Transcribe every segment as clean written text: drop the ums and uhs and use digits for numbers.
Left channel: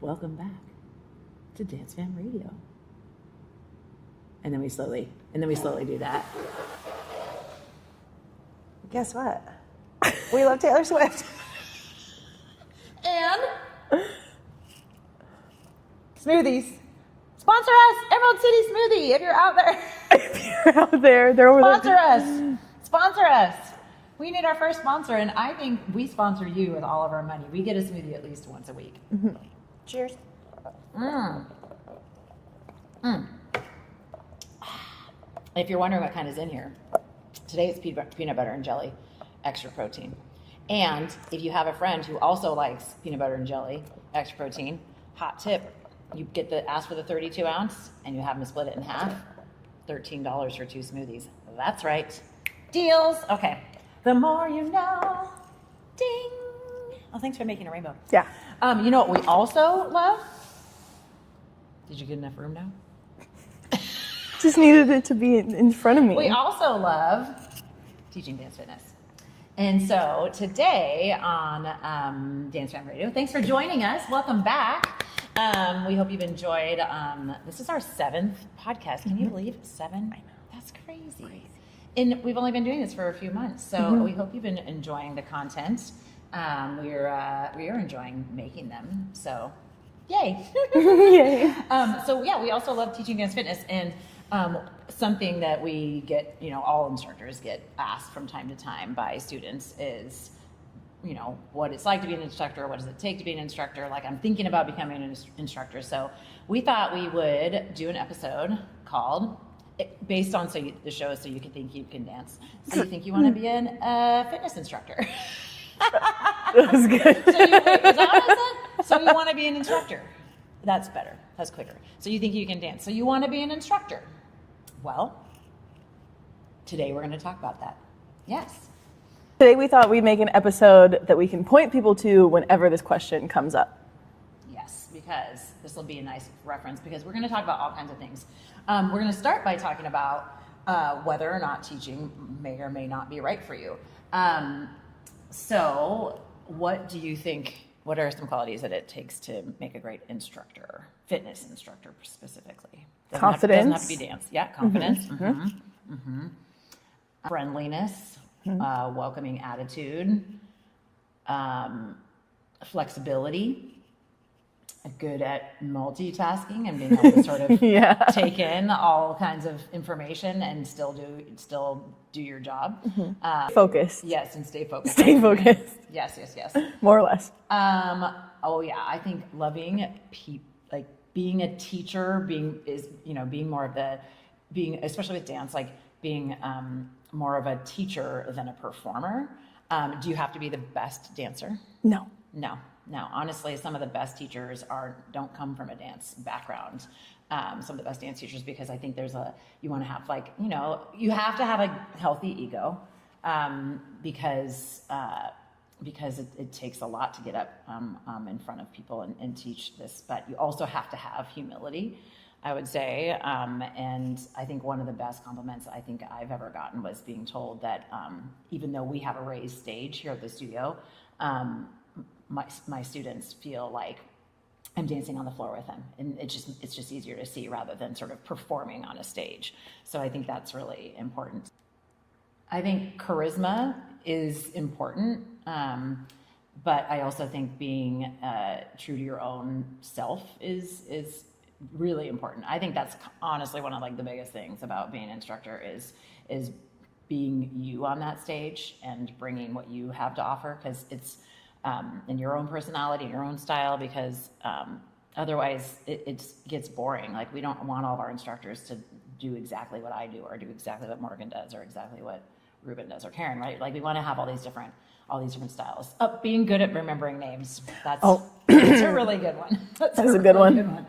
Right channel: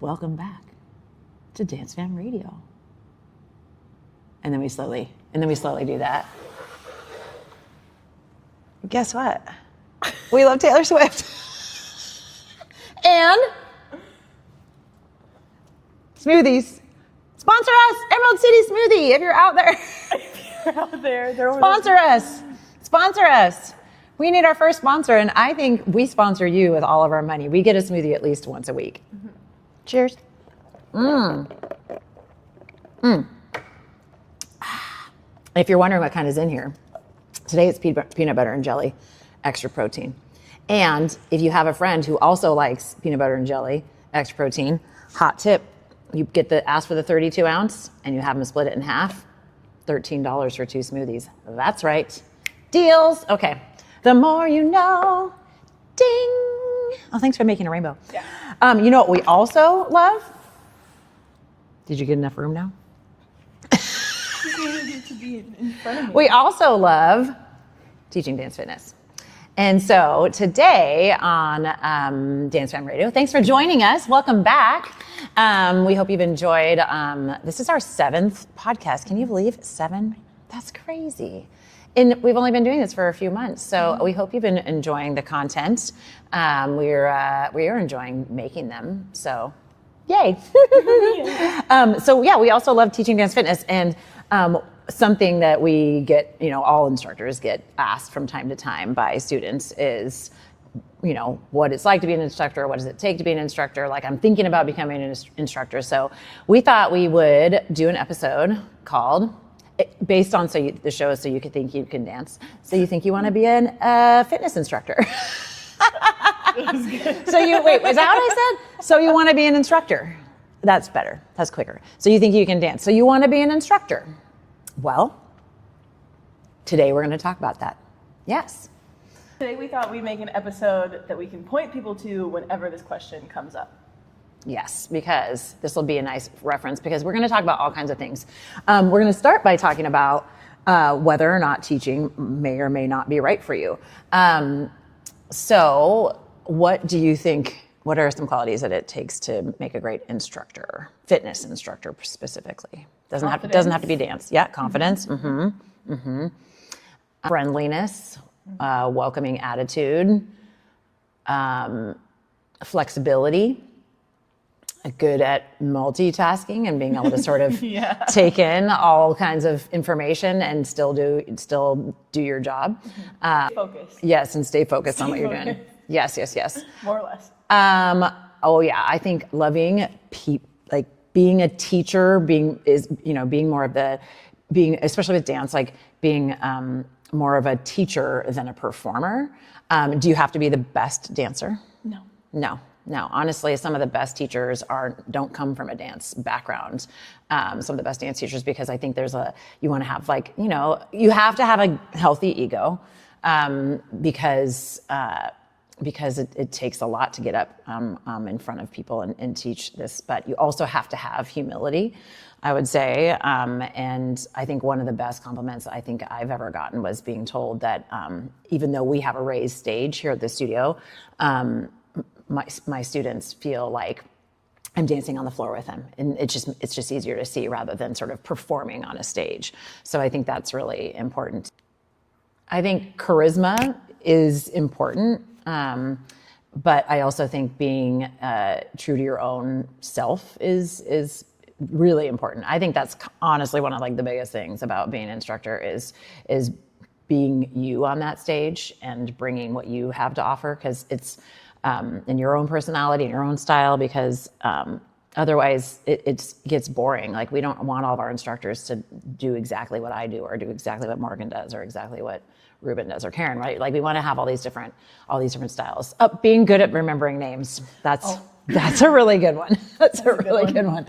welcome back to DanceFam Radio. And then we slowly do that. Guess what? We love Taylor Swift. And smoothies. Sponsor us, Emerald City Smoothie. If you're out there, they're over there. Sponsor us. We need our first sponsor, and I think we sponsor you with all of our money. We get a smoothie at least once a week. Mm-hmm. Cheers. If you're wondering what kind is in here, today it's peanut butter and jelly, extra protein. And if you have a friend who also likes peanut butter and jelly, extra protein, hot tip, you ask for the 32 ounce and you have them split it in half, $13 for 2 smoothies. That's right. Deals. Okay. The more you know. Ding. Oh, thanks for making a rainbow. Yeah. You know what we also love? Did you get enough room now? Just needed it to be in front of me. We also love teaching dance fitness. And so today on DanceFam Radio, thanks for joining us. Welcome back. We hope you've enjoyed. This is our 7th podcast. Can you believe 7? That's crazy. And we've only been doing this for a few months, so we hope you've been enjoying the content. We are enjoying making them. So, yay! So yeah, we also love teaching dance fitness, and something that we get, all instructors get asked from time to time by students is, what it's like to be an instructor, what does it take to be an instructor? Like, I'm thinking about becoming an instructor. So we thought we would do an episode called, based on the show is so you could think you can dance. So you think you want to be a fitness instructor. That was good. Is that what I said? So you want to be an instructor. That's better. That's quicker. So you think you can dance. So you want to be an instructor. Well, today we're going to talk about that. Yes. Today we thought we'd make an episode that we can point people to whenever this question comes up. Yes, because this will be a nice reference, because we're going to talk about all kinds of things. We're going to start by talking about whether or not teaching may or may not be right for you. So what do you think, what are some qualities that it takes to make a great instructor, fitness instructor specifically? Doesn't have to be dance. Yeah, confidence. Friendliness, welcoming attitude, flexibility, good at multitasking and being able to sort of take in all kinds of information and still do your job. Focus. Yes, and stay focused. Stay focused. Yes. More or less. Oh yeah, I think loving like being a teacher, being more of especially with dance, like being more of a teacher than a performer. Do you have to be the best dancer? No. Honestly, some of the best teachers don't come from a dance background. Some of the best dance teachers, because I think you want to have you have to have a healthy ego, because it takes a lot to get up in front of people and teach this, but you also have to have humility, I would say. And I think one of the best compliments I think I've ever gotten was being told that even though we have a raised stage here at the studio, my students feel like I'm dancing on the floor with them, and it's just easier to see rather than sort of performing on a stage. So I think that's really important. I think charisma is important, but I also think being true to your own self is really important. I think that's honestly one of the biggest things about being an instructor is being you on that stage and bringing what you have to offer, because it's in your own personality and your own style, because otherwise it gets boring. Like, we don't want all of our instructors to do exactly what I do, or do exactly what Morgan does, or exactly what Ruben does, or Karen, right? Like, we want to have all these different styles. Being good at remembering names. That's a really good one. That's a really good one.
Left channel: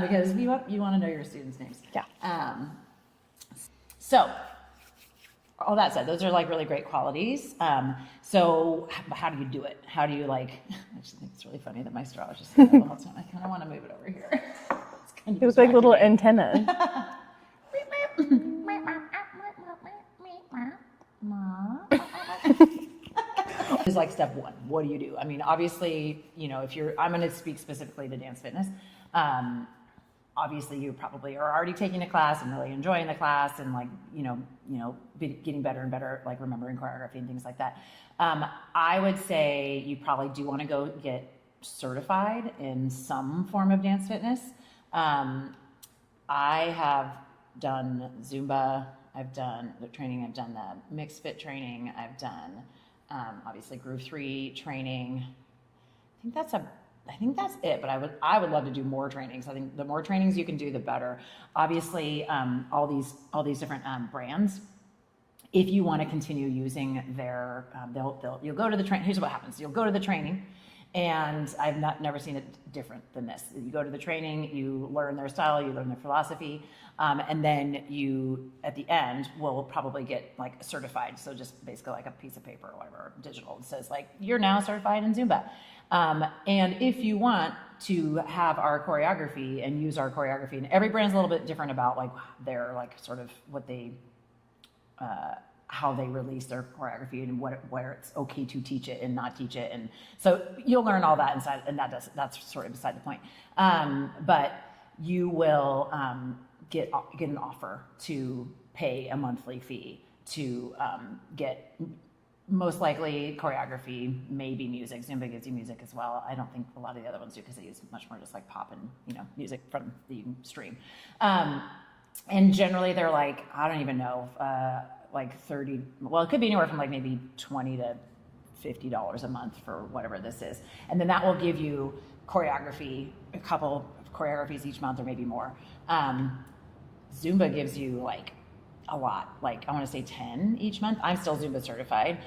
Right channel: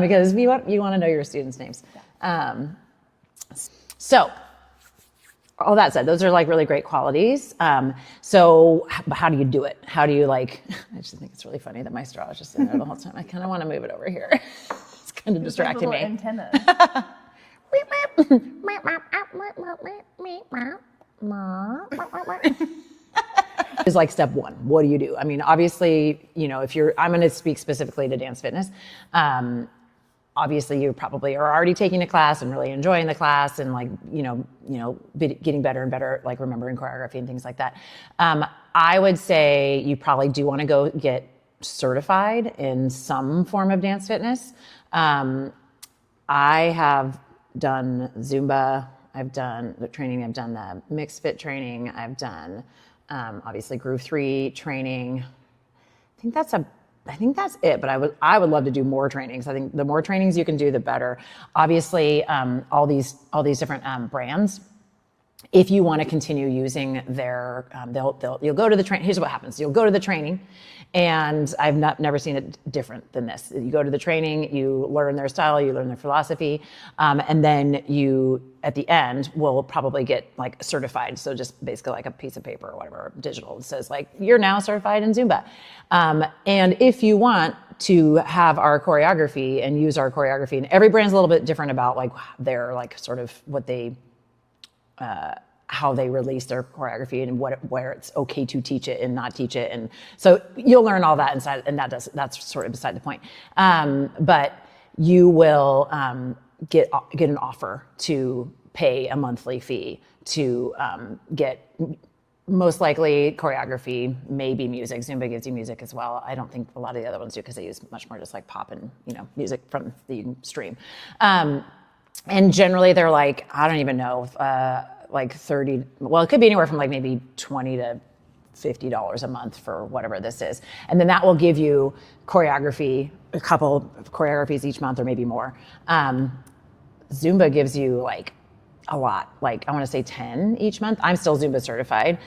Because you want to know your students' names. Yeah. So, all that said, those are really great qualities. So how do you do it? How do you I just think it's really funny that my straw is just sitting there the whole time. I kind of want to move it over here. It's kind of distracting me. It was like little antennas. is like step one. What do you do? I mean, obviously, I'm going to speak specifically to dance fitness. Obviously, you probably are already taking a class and really enjoying the class and getting better and better, like remembering choreography and things like that. I would say you probably do want to go get certified in some form of dance fitness. I have done Zumba. I've done the training. I've done the mixed fit training. I've done obviously Groove 3 training. I think that's it, but I would love to do more trainings. I think the more trainings you can do, the better. Obviously, all these different brands, if you want to continue using their, you'll go to the training. Here's what happens: you'll go to the training, and I've never seen it different than this. You go to the training, you learn their style, you learn their philosophy, and then you, at the end, will probably get like certified. So just basically like a piece of paper or whatever, digital, that says like, you're now certified in Zumba. And if you want to have our choreography and use our choreography, and every brand's a little bit different about like their like sort of what they, how they release their choreography and where it's okay to teach it and not teach it. And so you'll learn all that inside, and that's sort of beside the point. But you will get an offer to pay a monthly fee to get most likely choreography, maybe music. Zumba gives you music as well. I don't think a lot of the other ones do because they use much more just like pop and music from that you can stream. And generally they're like, I don't even know, like 30, well, it could be anywhere from like maybe $20 to $50 a month for whatever this is. And then that will give you choreography, a couple of choreographies each month or maybe more. Zumba gives you like a lot, like I want to say 10 each month. I'm still Zumba certified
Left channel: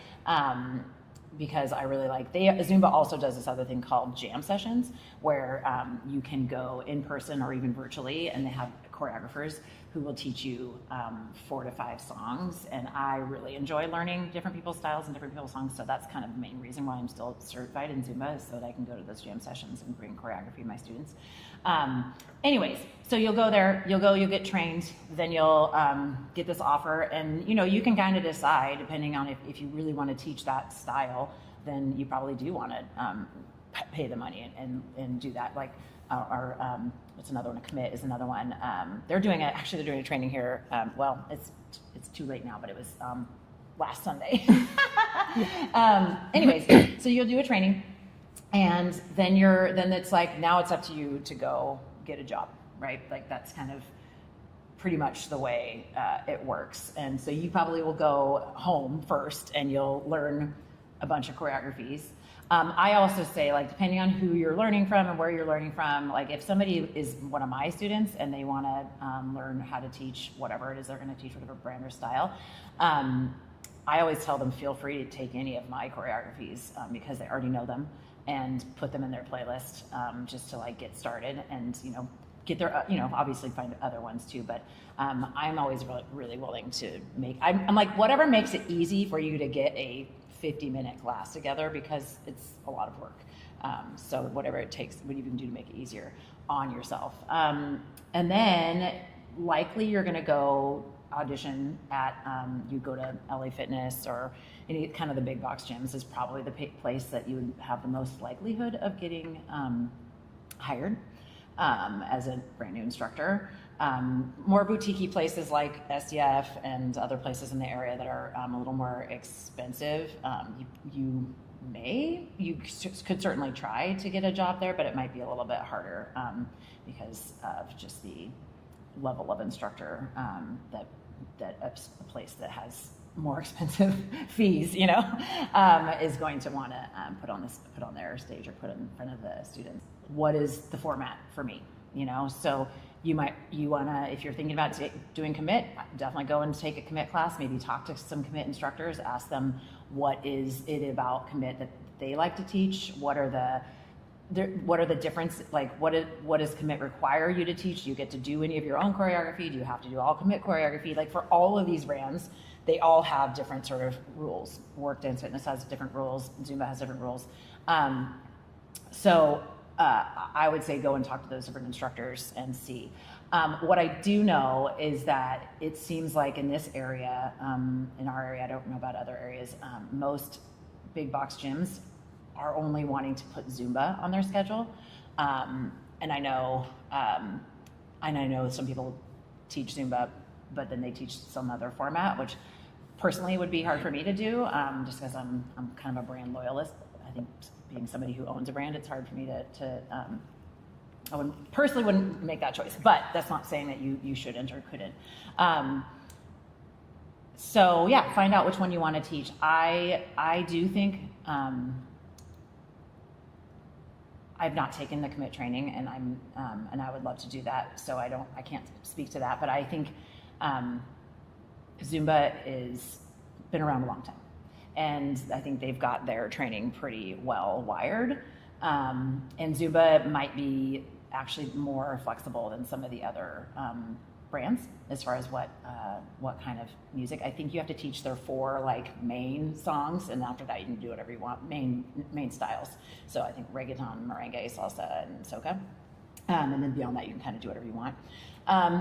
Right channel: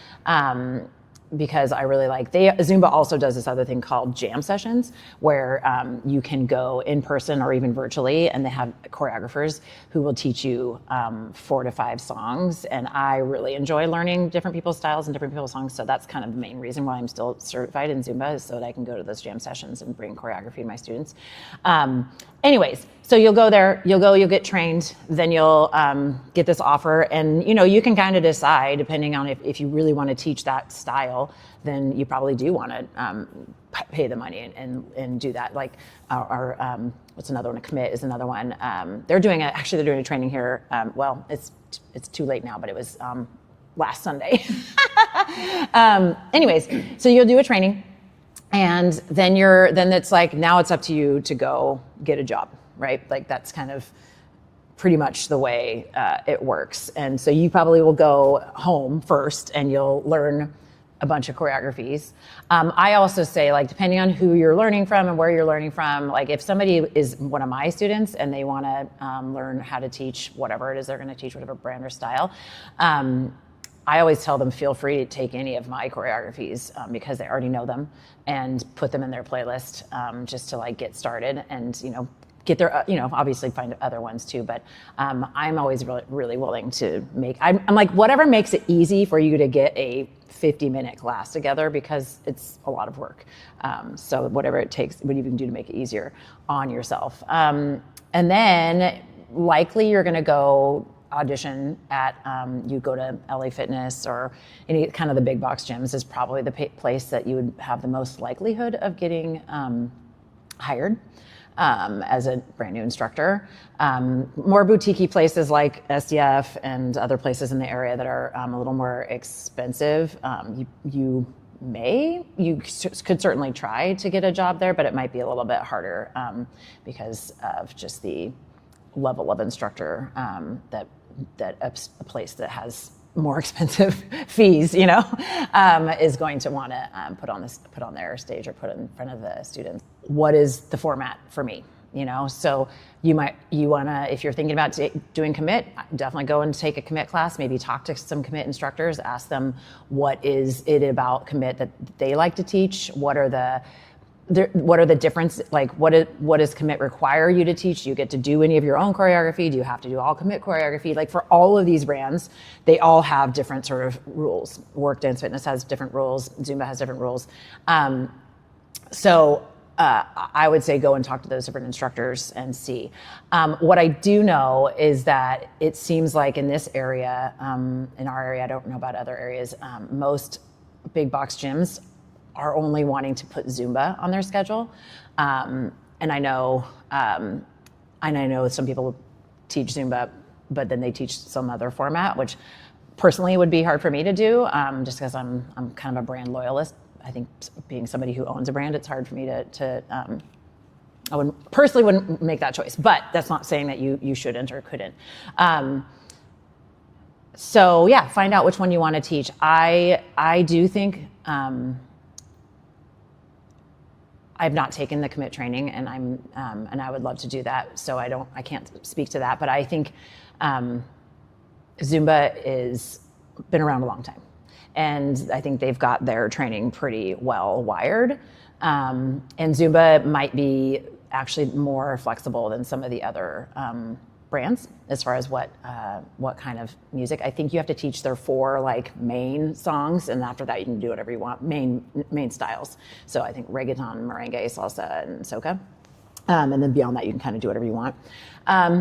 because I really like, Zumba also does this other thing called jam sessions where you can go in person or even virtually, and they have choreographers who will teach you 4 to 5 songs. And I really enjoy learning different people's styles and different people's songs. So that's kind of the main reason why I'm still certified in Zumba, is so that I can go to those jam sessions and bring choreography to my students. Anyways, so you'll go there, you'll get trained, then you'll get this offer, and you can kind of decide, depending on if you really want to teach that style, then you probably do want to pay the money and do that. Like our what's another one? A Commit is another one. They're doing a training here. Well, it's too late now, but it was last Sunday. Anyways, so you'll do a training. And then it's like, now it's up to you to go get a job, right? Like that's kind of pretty much the way it works. And so you probably will go home first and you'll learn a bunch of choreographies. I also say, like, depending on who you're learning from and where you're learning from, like if somebody is one of my students and they want to learn how to teach whatever it is they're going to teach, whatever brand or style, I always tell them, feel free to take any of my choreographies because they already know them, and put them in their playlist just to like get started and get their obviously find other ones too. But I'm always really willing to I'm like, whatever makes it easy for you to get a 50-minute class together, because it's a lot of work. So whatever it takes, what you can do to make it easier on yourself. And then likely you're going to go audition at, you go to LA Fitness or any kind of the big box gyms is probably the place that you would have the most likelihood of getting hired as a brand new instructor. More boutique-y places like SDF and other places in the area that are a little more expensive, you could certainly try to get a job there, but it might be a little bit harder because of just the level of instructor that a place that has more expensive fees, is going to want to put on their stage or put in front of the students. What is the format for me? So you want to, if you're thinking about doing Commit, definitely go and take a Commit class. Maybe talk to some Commit instructors, ask them what is it about Commit that they like to teach. What are the difference? Like, what does Commit require you to teach? Do you get to do any of your own choreography? Do you have to do all Commit choreography? Like, for all of these brands, they all have different sort of rules. Work Dance Fitness has different rules. Zumba has different rules. So I would say go and talk to those different instructors and see. What I do know is that it seems like in this area, in our area, I don't know about other areas, most big box gyms are only wanting to put Zumba on their schedule. And I know some people teach Zumba, but then they teach some other format, which personally would be hard for me to do, just because I'm kind of a brand loyalist. I think being somebody who owns a brand, it's hard for me to I wouldn't make that choice, but that's not saying that you shouldn't or couldn't. So yeah, find out which one you want to teach. I do think I've not taken the commit training, and and I would love to do that. So I can't speak to that, but I think Zumba is been around a long time, and I think they've got their training pretty well wired. And Zumba might be actually more flexible than some of the other brands as far as what kind of music. I think you have to teach their 4 like main songs, and after that you can do whatever you want, main styles. So I think reggaeton, merengue, salsa, and soca. And then beyond that you can kind of do whatever you want.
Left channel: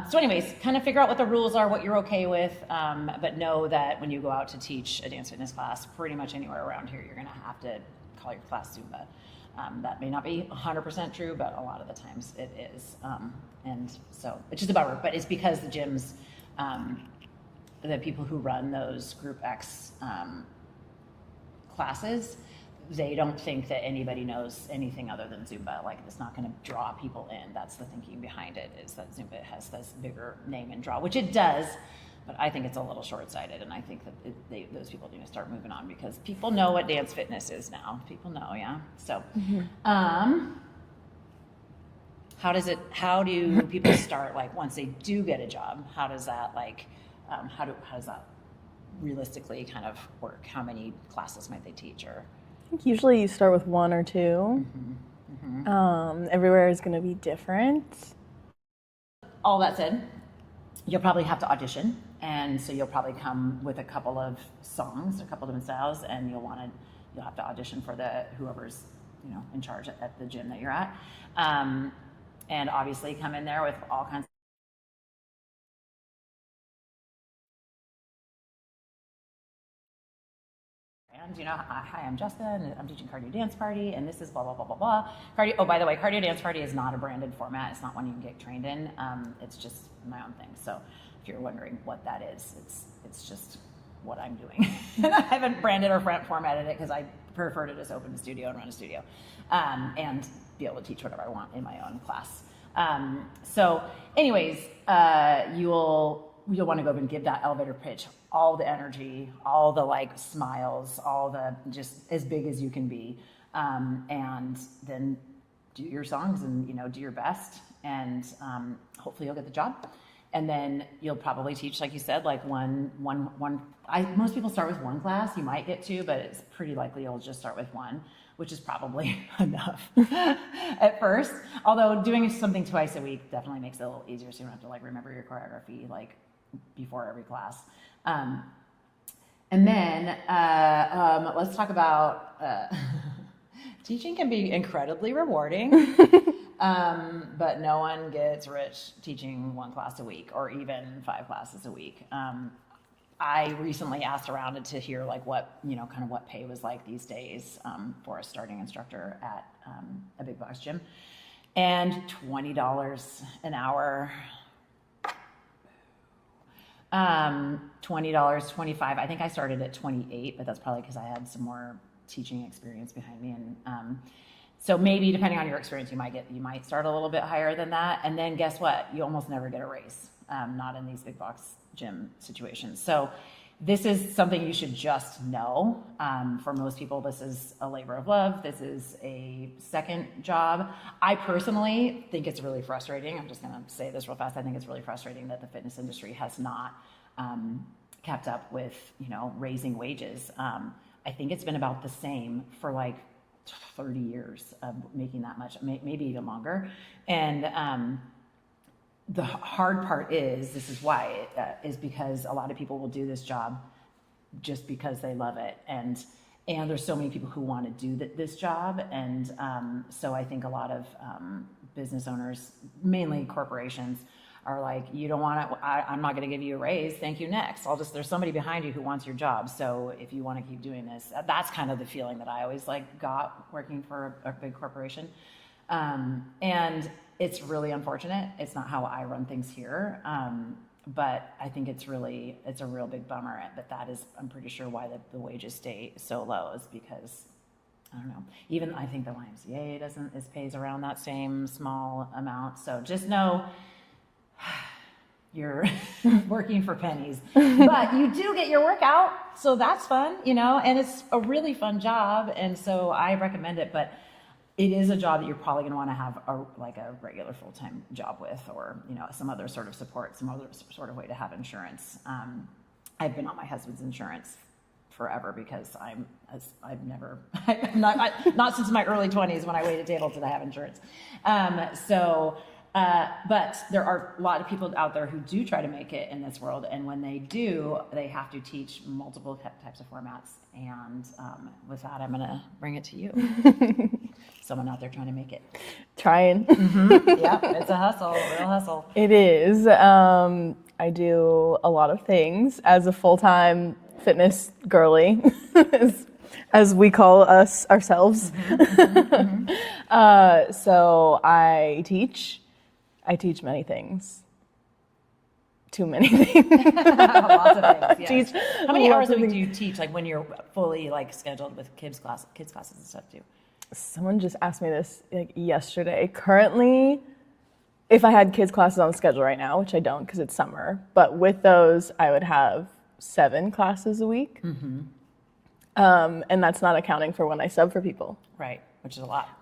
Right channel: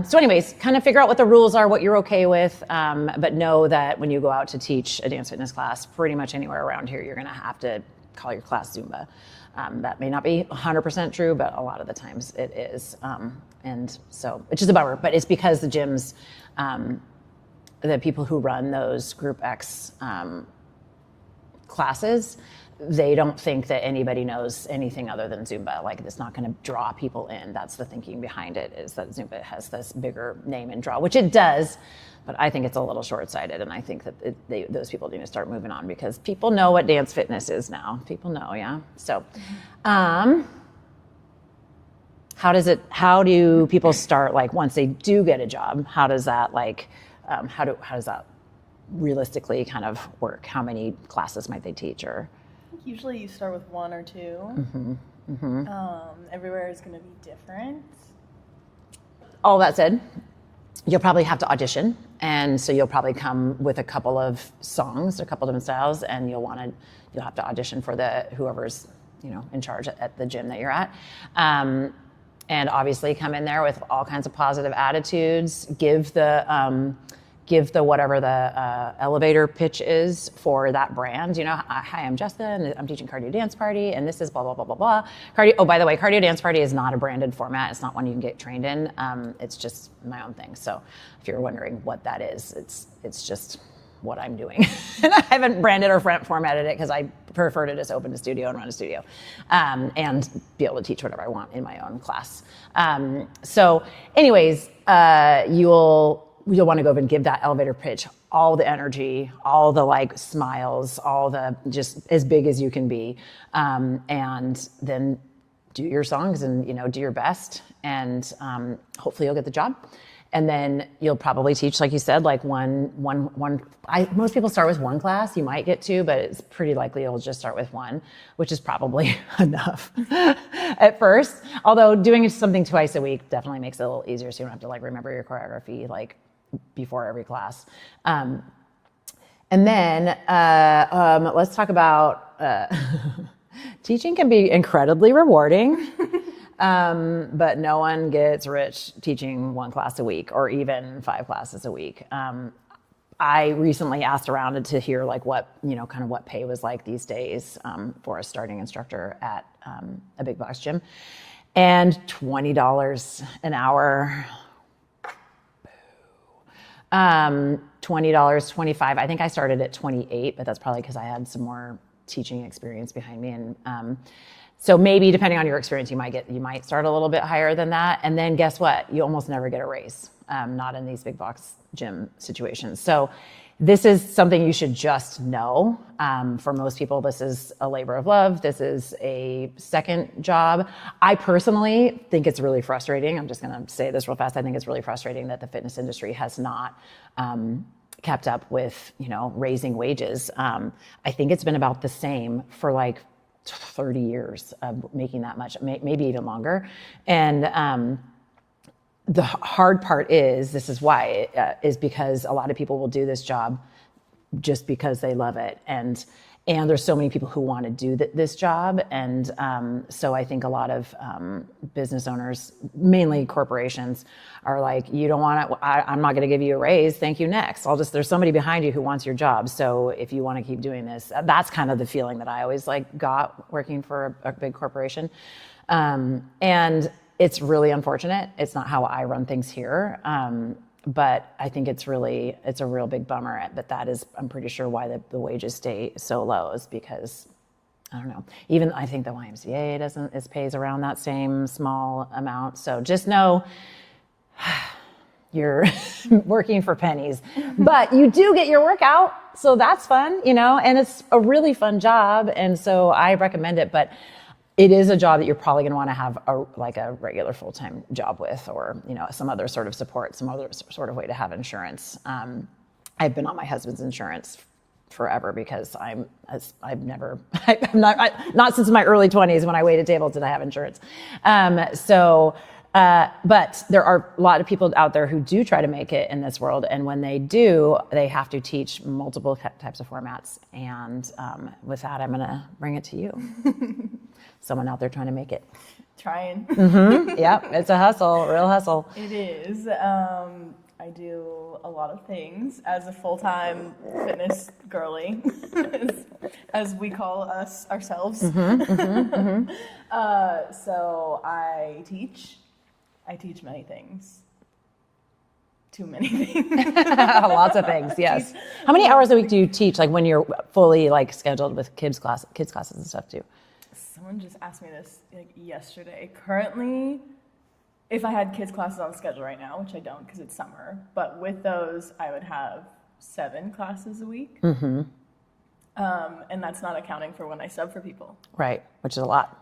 So anyways, kind of figure out what the rules are, what you're okay with, but know that when you go out to teach a dance fitness class, pretty much anywhere around here, you're gonna have to call your class Zumba. That may not be 100% true, but a lot of the times it is. And so, which is a bummer, but it's because the gyms, the people who run those Group X classes, they don't think that anybody knows anything other than Zumba. Like, it's not going to draw people in. That's the thinking behind it, is that Zumba has this bigger name and draw, which it does. But I think it's a little short-sighted, and I think that those people need to start moving on, because people know what dance fitness is now. People know, yeah. So, how do people start? Like, once they do get a job, how does that how does that realistically kind of work? How many classes might they teach? Or I think usually you start with 1 or 2. Everywhere is going to be different. All that said, you'll probably have to audition, and so you'll probably come with a couple of songs, a couple of different styles, and you'll have to audition for whoever's in charge at the gym that you're at, and obviously come in there with all kinds of positive attitudes. Give the whatever the elevator pitch is for that brand. Hi, I'm Jessica, and I'm teaching Cardio Dance Party, and this is blah, blah, blah, blah, blah. Oh, by the way, Cardio Dance Party is not a branded format. It's not one you can get trained in. It's just my own thing. So if you're wondering what that is, it's just what I'm doing. And I haven't branded or formatted it, because I prefer to just open a studio and run a studio, and be able to teach whatever I want in my own class. So anyways, you'll want to go over and give that elevator pitch all the energy, all the smiles, all the just as big as you can be, and then do your songs and do your best, and hopefully you'll get the job. And then you'll probably teach, like you said, most people start with 1 class. You might get 2, but it's pretty likely you'll just start with 1, which is probably enough at first. Although doing something twice a week definitely makes it a little easier, so you don't have to remember your choreography before every class. And then let's talk about teaching can be incredibly rewarding, but no one gets rich teaching 1 class a week, or even 5 classes a week. I recently asked around to hear what kind of what pay was like these days for a starting instructor at a big box gym, and $20 an hour. $20, $25. I think I started at 28, but that's probably because I had some more teaching experience behind me. And so maybe depending on your experience, you might start a little bit higher than that. And then guess what? You almost never get a raise, not in these big box gym situations. So this is something you should just know. For most people, this is a labor of love. This is a second job. I personally think it's really frustrating. I'm just going to say this real fast. I think it's really frustrating that the fitness industry has not kept up with, raising wages. I think it's been about the same for 30 years of making that much, maybe even longer. And the hard part is, this is why, is because a lot of people will do this job just because they love it. And and there's so many people who want to do this job. And so I think a lot of business owners, mainly corporations, are like, you don't want to, I'm not going to give you a raise. Thank you, next. There's somebody behind you who wants your job. So if you want to keep doing this, that's kind of the feeling that I always got working for a big corporation. And it's really unfortunate. It's not how I run things here. But I think it's a real big bummer. But that is, I'm pretty sure, why the wages stay so low, is because, I don't know. Even I think the YMCA pays around that same small amount. So just know you're working for pennies, but you do get your work out. So that's fun, and it's a really fun job. And so I recommend it, but it is a job that you're probably going to want to have a regular full-time job with, or some other sort of support, some other sort of way to have insurance. I've been on my husband's insurance forever because not since my early 20s when I waited tables did I have insurance. But there are a lot of people out there who do try to make it in this world, and when they do, they have to teach multiple types of formats. And with that, I'm going to bring it to you. Someone out there trying to make it. Trying. Mm-hmm. Yep, it's a hustle, real hustle. It is. I do a lot of things as a full-time fitness girly, as we call ourselves. Mm-hmm, mm-hmm, mm-hmm. So I teach many things. Too many things. Lots of things, yes. How many hours a week do you teach, when you're fully scheduled with kids classes and stuff too? Someone just asked me this yesterday. Currently, if I had kids classes on the schedule right now, which I don't because it's summer, but with those, I would have 7 classes a week. Mm-hmm. And that's not accounting for when I sub for people. Right, which is a lot.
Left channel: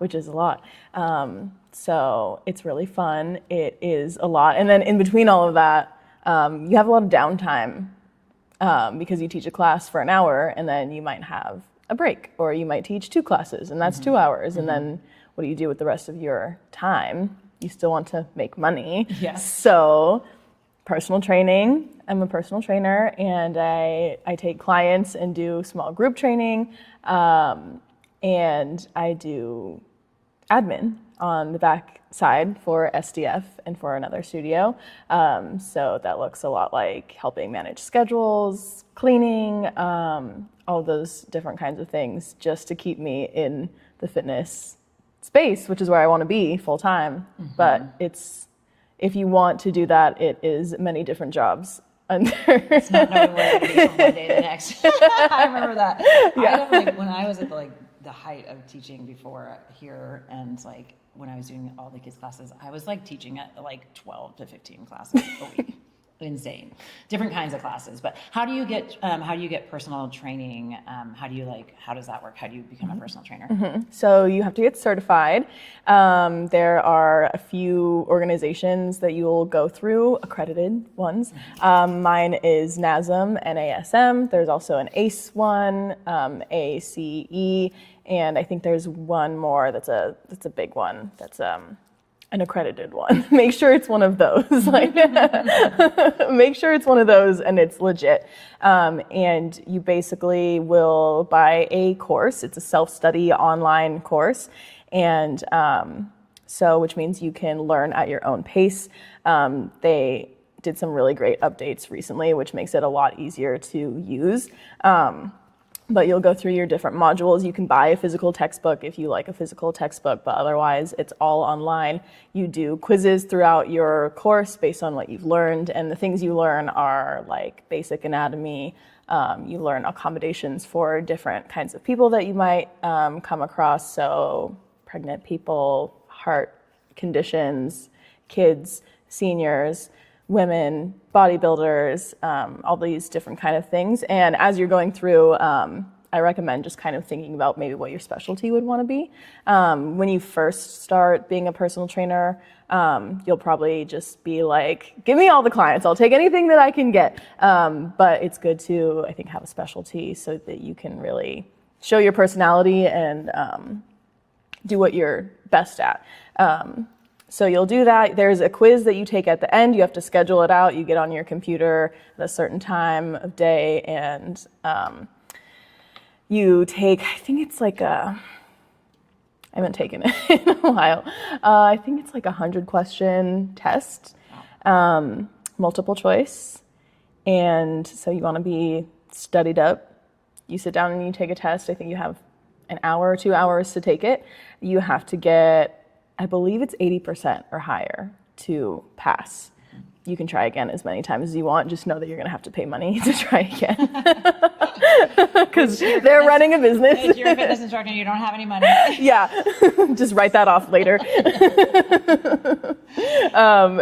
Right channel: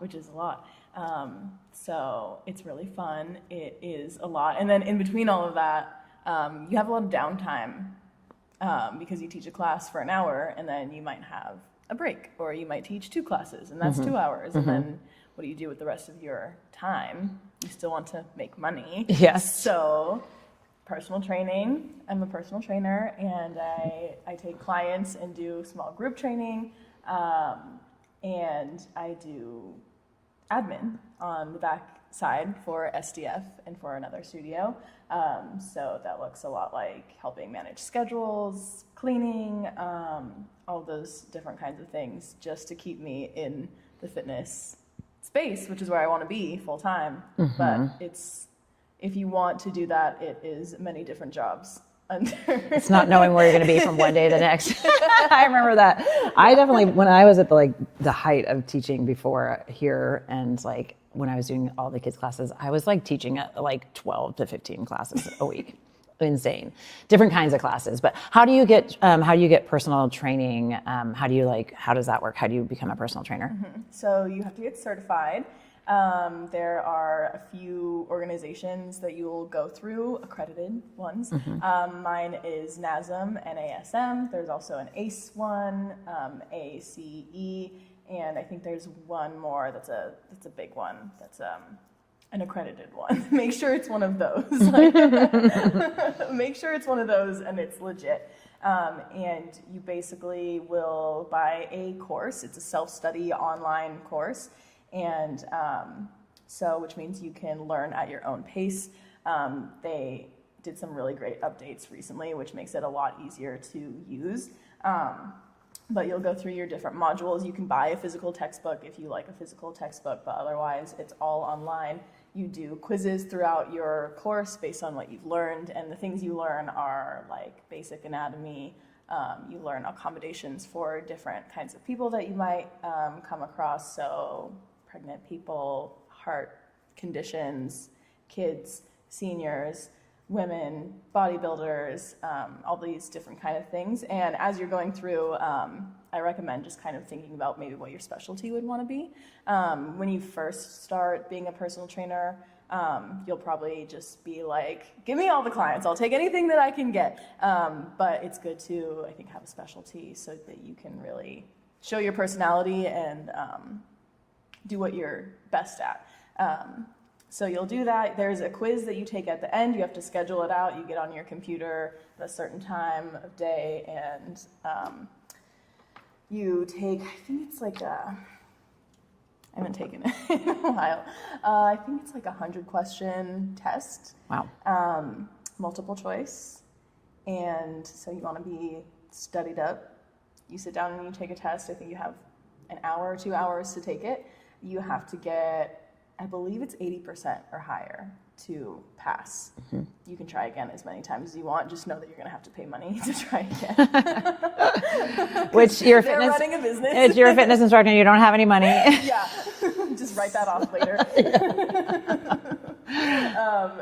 So it's really fun. It is a lot. And then in between all of that, you have a lot of downtime because you teach a class for an hour and then you might have a break, or you might teach 2 classes and that's mm-hmm. 2 hours. Mm-hmm. And then what do you do with the rest of your time? You still want to make money. Yes. So personal training. I'm a personal trainer, and I take clients and do small group training, and I do admin on the back side for SDF and for another studio. So that looks a lot like helping manage schedules, cleaning, all those different kinds of things, just to keep me in the fitness space, which is where I want to be full time. Mm-hmm. But if you want to do that, it is many different jobs. It's not knowing where you're going to be from one day to the next. I remember that. Yeah. I definitely, when I was at the height of teaching before here, and when I was doing all the kids classes, I was teaching 12 to 15 classes a week. Insane. Different kinds of classes. But how do you get personal training? How does that work? How do you become a personal trainer? Mm-hmm. So you have to get certified. There are a few organizations that you'll go through, accredited ones. Mm-hmm. Mine is NASM, NASM. There's also an ACE one, ACE, and I think there's one more that's a big one. That's an accredited one. Make sure it's one of those. Make sure it's one of those and it's legit. And you basically will buy a course. It's a self-study online course. And which means you can learn at your own pace. They did some really great updates recently, which makes it a lot easier to use. But you'll go through your different modules. You can buy a physical textbook if you like a physical textbook, but otherwise it's all online. You do quizzes throughout your course based on what you've learned, and the things you learn are basic anatomy. You learn accommodations for different kinds of people that you might come across, so pregnant people, heart conditions, kids, seniors, women, bodybuilders, all these different kind of things. And as you're going through, I recommend just kind of thinking about maybe what your specialty would want to be. When you first start being a personal trainer, you'll probably just be give me all the clients. I'll take anything that I can get. But it's good to, I think, have a specialty so that you can really show your personality and do what you're best at. So you'll do that. There's a quiz that you take at the end. You have to schedule it out. You get on your computer at a certain time of day, and you take, I think it's like I haven't taken it in a while. I think it's like 100-question test. Wow. Multiple choice. And so you want to be studied up. You sit down and you take a test. I think you have an hour or 2 hours to take it. You have to get, I believe it's 80% or higher to pass. Mm-hmm. You can try again as many times as you want. Just know that you're going to have to pay money to try again. Because they're running a business. If you're a fitness instructor and you don't have any money. Yeah, just write that off later.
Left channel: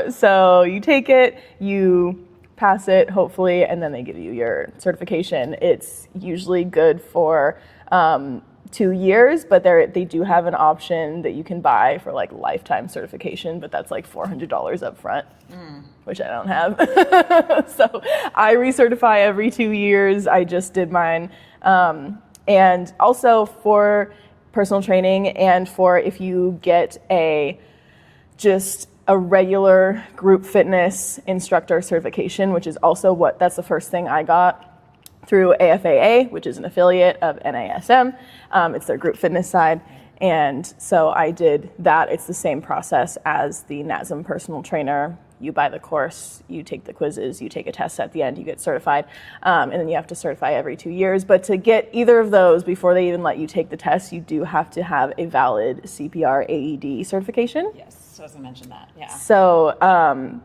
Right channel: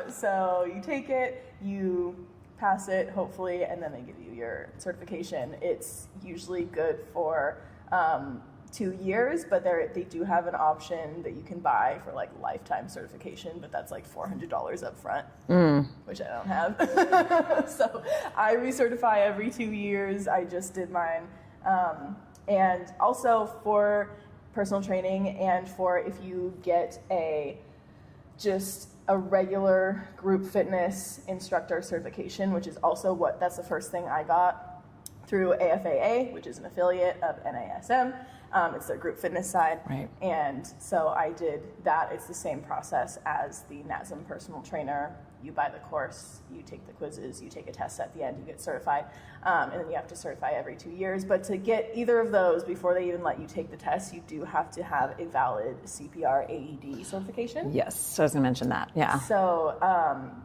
So you take it, you pass it, hopefully, and then they give you your certification. It's usually good for 2 years, but they do have an option that you can buy for like lifetime certification, but that's like $400 up front, which I don't have. So I recertify every 2 years. I just did mine. And also for personal training and for if you get just a regular group fitness instructor certification, which is also that's the first thing I got through AFAA, which is an affiliate of NASM. It's their group fitness side. Right. And so I did that. It's the same process as the NASM personal trainer. You buy the course, you take the quizzes, you take a test at the end, you get certified, and then you have to certify every 2 years. But to get either of those, before they even let you take the test, you do have to have a valid CPR AED certification. Yes, so I was going to mention that, yeah. So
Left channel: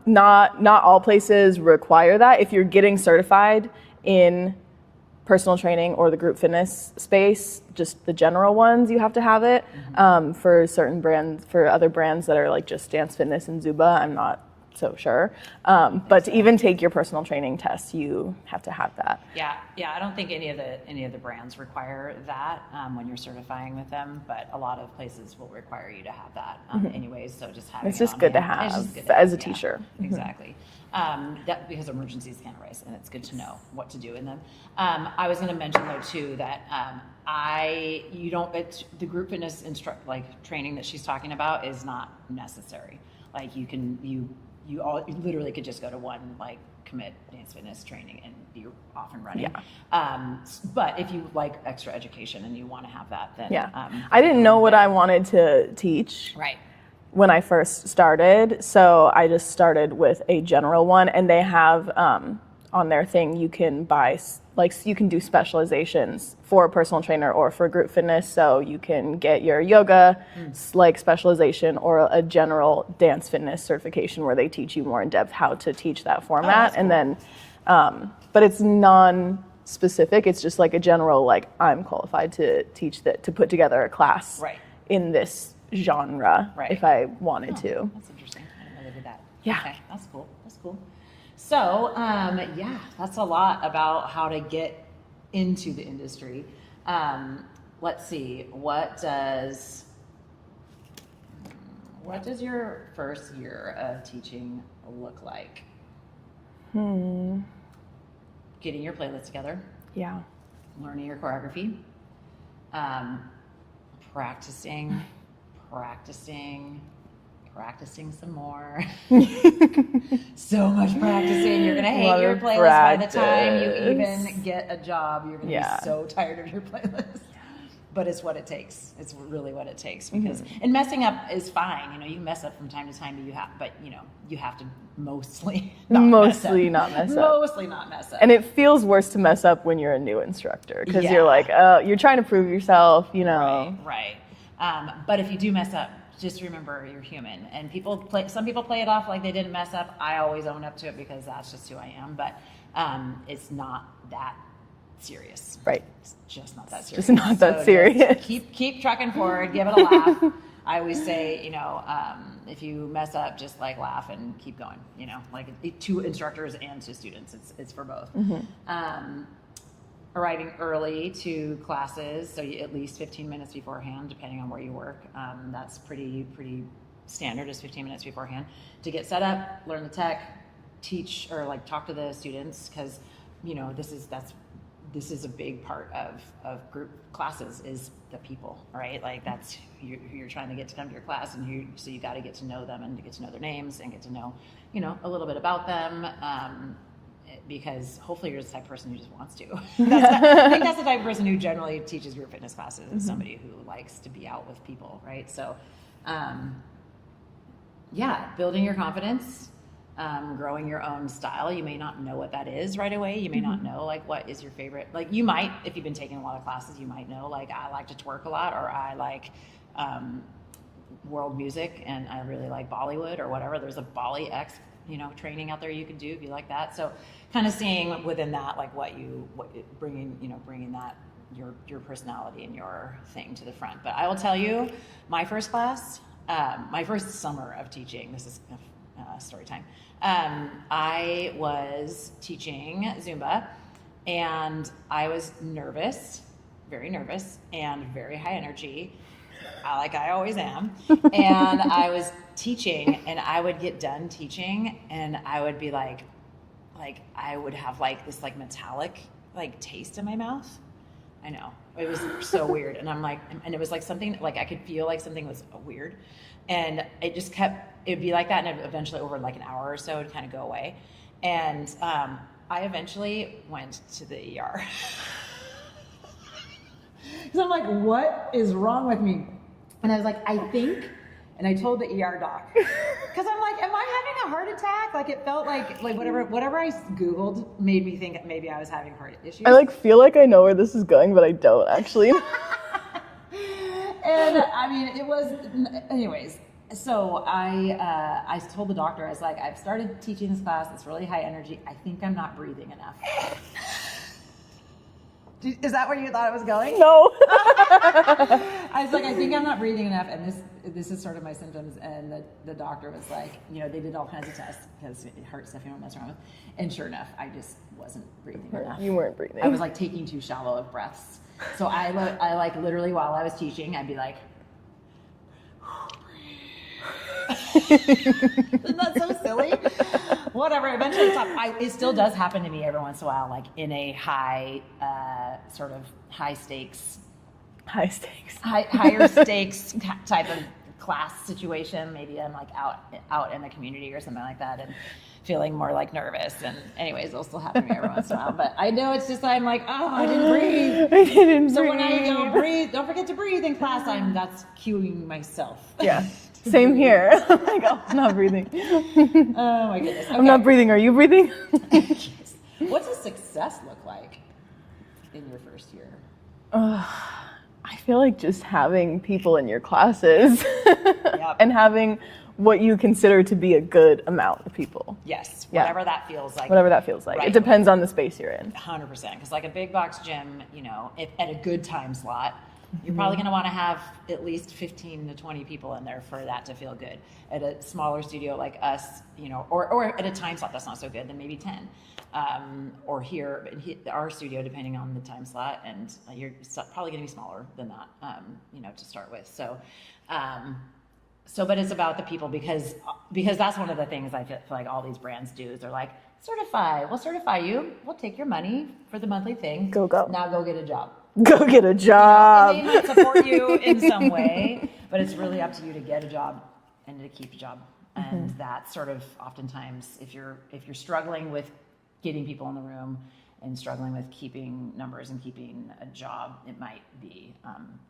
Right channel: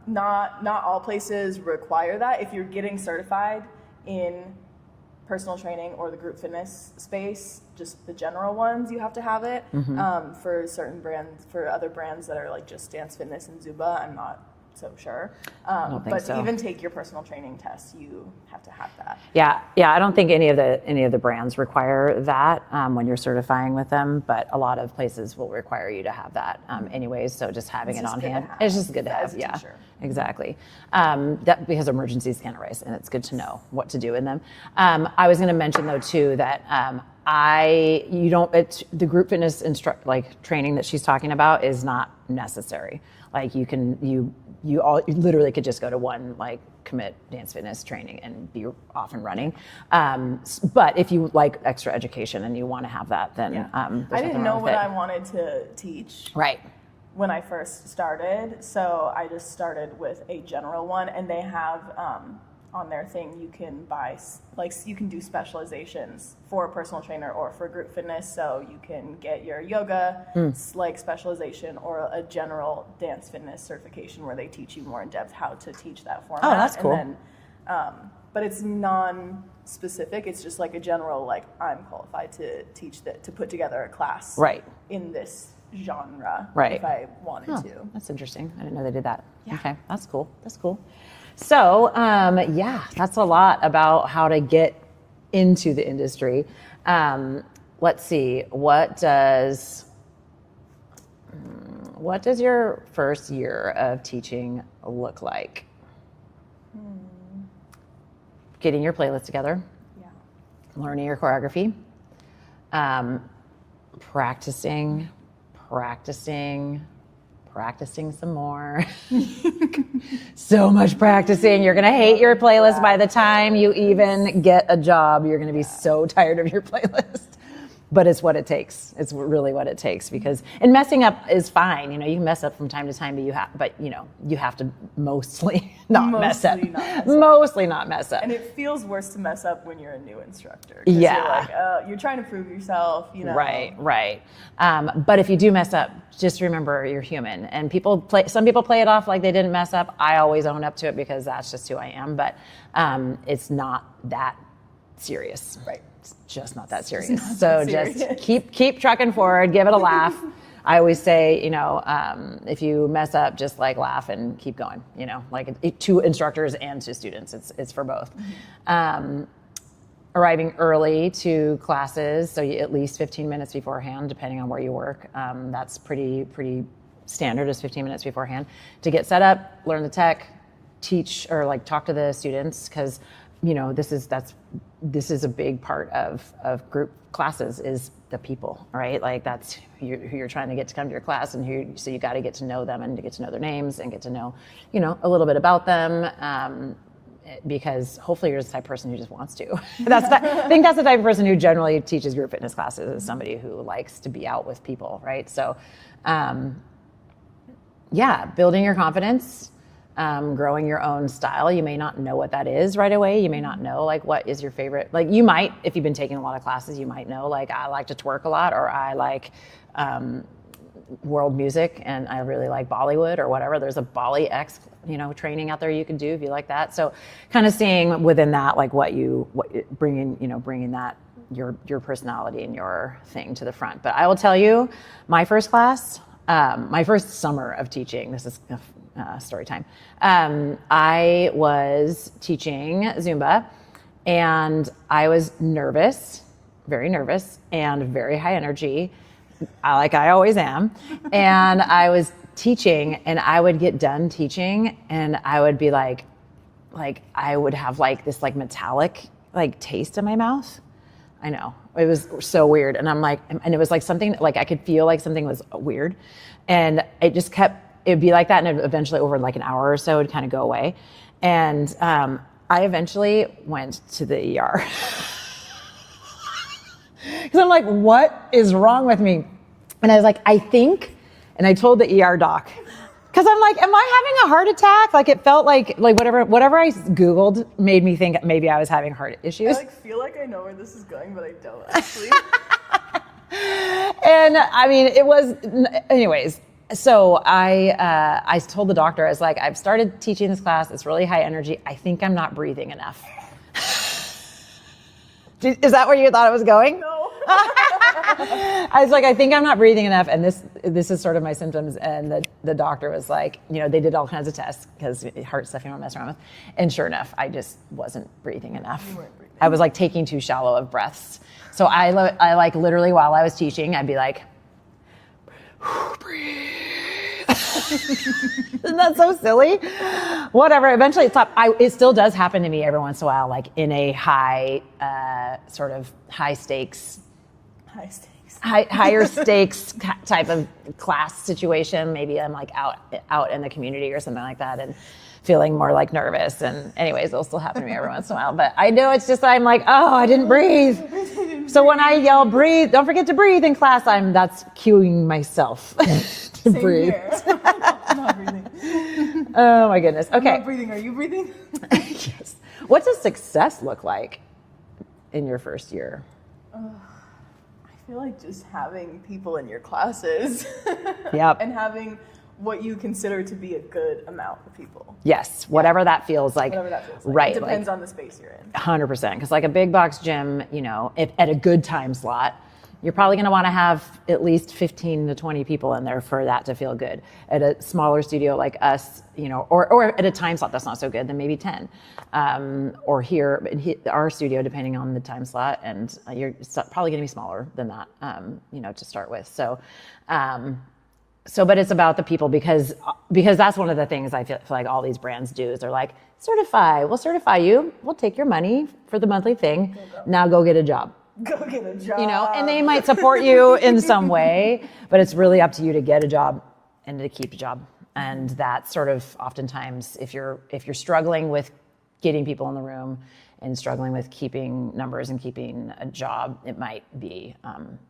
not all places require that. If you're getting certified in personal training or the group fitness space, just the general ones, you have to have it. Mm-hmm. For certain brands, for other brands that are like just Dance Fitness and Zuba, I'm not so sure. But to even take your personal training test, you have to have that. Yeah. I don't think any of the brands require that when you're certifying with them, but a lot of places will require you to have that anyways. So just having it's it just on good hand. to have. It's just good to have as a teacher. Exactly. That because emergencies can arise, and it's good to know what to do in them. I was going to mention though too that the group fitness training that she's talking about is not necessary. Like you literally could just go to one commit dance fitness training and be off and running. Yeah. But if you like extra education and you want to have that, then I didn't know what I wanted to teach. Right. When I first started, so I just started with a general one, and they have on their thing you can buy you can do specializations for a personal trainer or for group fitness. So you can get your yoga specialization or a general dance fitness certification where they teach you more in depth how to teach that format. Oh, that's cool. And then, but it's non-specific. It's just like a general I'm qualified to teach to put together a class in this genre if I wanted to. That's interesting. I didn't know they did that. Yeah. Okay, that's cool. So, that's a lot about how to get into the industry. Let's see, what does your first year of teaching look like? Getting your playlist together. Yeah. Learning your choreography. Practicing some more. So much practicing. You're going to hate your playlist by the time you even get a job. You're going to be so tired of your playlist. But it's what it takes. It's really what it takes because, and messing up is fine. You can mess up from time to time, but you have to mostly not mess up. Mostly not mess up. And it feels worse to mess up when you're a new instructor because you're you're trying to prove yourself, Right. But if you do mess up, just remember you're human. And some people play it off like they didn't mess up. I always own up to it because that's just who I am. But it's not that serious. Right. It's just not that serious. It's not that serious. Just keep trucking forward. Give it a laugh. I always say, if you mess up, just laugh and keep going. To instructors and to students. It's for both. Mm-hmm. Arriving early to classes, so at least 15 minutes beforehand, depending on where you work. That's pretty standard, is 15 minutes beforehand to get set up, learn the tech, teach or talk to the students, because this is a big part of group classes is the people, right? That's who you're trying to get to come to your class, and so you got to get to know them and to get to know their names and get to know, a little bit about them. because hopefully you're the type of person who just wants to. I think that's the type of person who generally teaches group fitness classes, is somebody who likes to be out with people, right? So, building your confidence, growing your own style. You may not know what that is right away. You may not know like what is your favorite. Like you might, if you've been taking a lot of classes, you might know like I like to twerk a lot, or I like world music and I really like Bollywood or whatever. There's a Bolly X, training out there you can do if you like that. So kind of seeing within that like what bringing that your personality and your thing to the front. But I will tell you, my first class, my first summer of teaching, this is story time. I was teaching Zumba and I was nervous, very nervous and very high energy, like I always am. And I was teaching and I would get done teaching and I would be like I would have like this like metallic like taste in my mouth. I know, it was so weird. And I'm like, and it was like something like I could feel like something was weird, and it just it'd be like that, and eventually over like an hour or so it'd kind of go away. And I eventually went to the ER because I'm like, what is wrong with me? And I was like, I think, and I told the ER doc, because I'm like, am I having a heart attack? Like it felt like whatever I Googled made me think maybe I was having heart issues. I like feel like I know where this is going, but I don't actually. And I mean, it was, anyways. So I told the doctor, I was like, I've started teaching this class. It's really high energy. I think I'm not breathing enough. Is that where you thought it was going? No. I was like, I think I'm not breathing enough, and this is sort of my symptoms. And the doctor was like, they did all kinds of tests because heart stuff you don't mess around with. And sure enough, I just wasn't breathing enough. You weren't breathing. I was like taking too shallow of breaths. So I like literally while I was teaching, I'd be like, breathe. Isn't that so silly? Whatever. Eventually it stopped. It still does happen to me every once in a while, like in a high, sort of higher stakes type of class situation. Maybe I'm like out in the community or something like that, and feeling more like nervous. And anyways, it'll still happen to me every once in a while. But I know it's just I'm like, oh, I didn't breathe. So when I yell breathe, don't forget to breathe in class, that's cueing myself. Yeah. Same breathe. Here. I'm like, oh, I'm not breathing. Oh my goodness. Okay. I'm not breathing. Are you breathing? Yes. What does success look like in your first year? I feel like just having people in your classes. Yep. And having what you consider to be a good amount of people. Yes, whatever that feels like. Whatever that feels like. Right. It depends on the space you're in. 100%. Because like a big box gym, if at a good time slot, you're probably going to want to have at least 15 to 20 people in there for that to feel good. At a smaller studio like us, or at a time slot that's not so good, then maybe 10. Or here, our studio, depending on the time slot, and you're probably going to be smaller than that, to start with. So, but it's about the people because that's one of the things I feel like all these brands do is they're like, we'll certify you, we'll take your money for the monthly thing. Go. Now go get a job. Go get a job. And they might support you in some way, but it's really up to you to get a job and to keep a job. And that's sort of oftentimes if you're struggling with getting people in the room and struggling with keeping numbers and keeping a job, it might be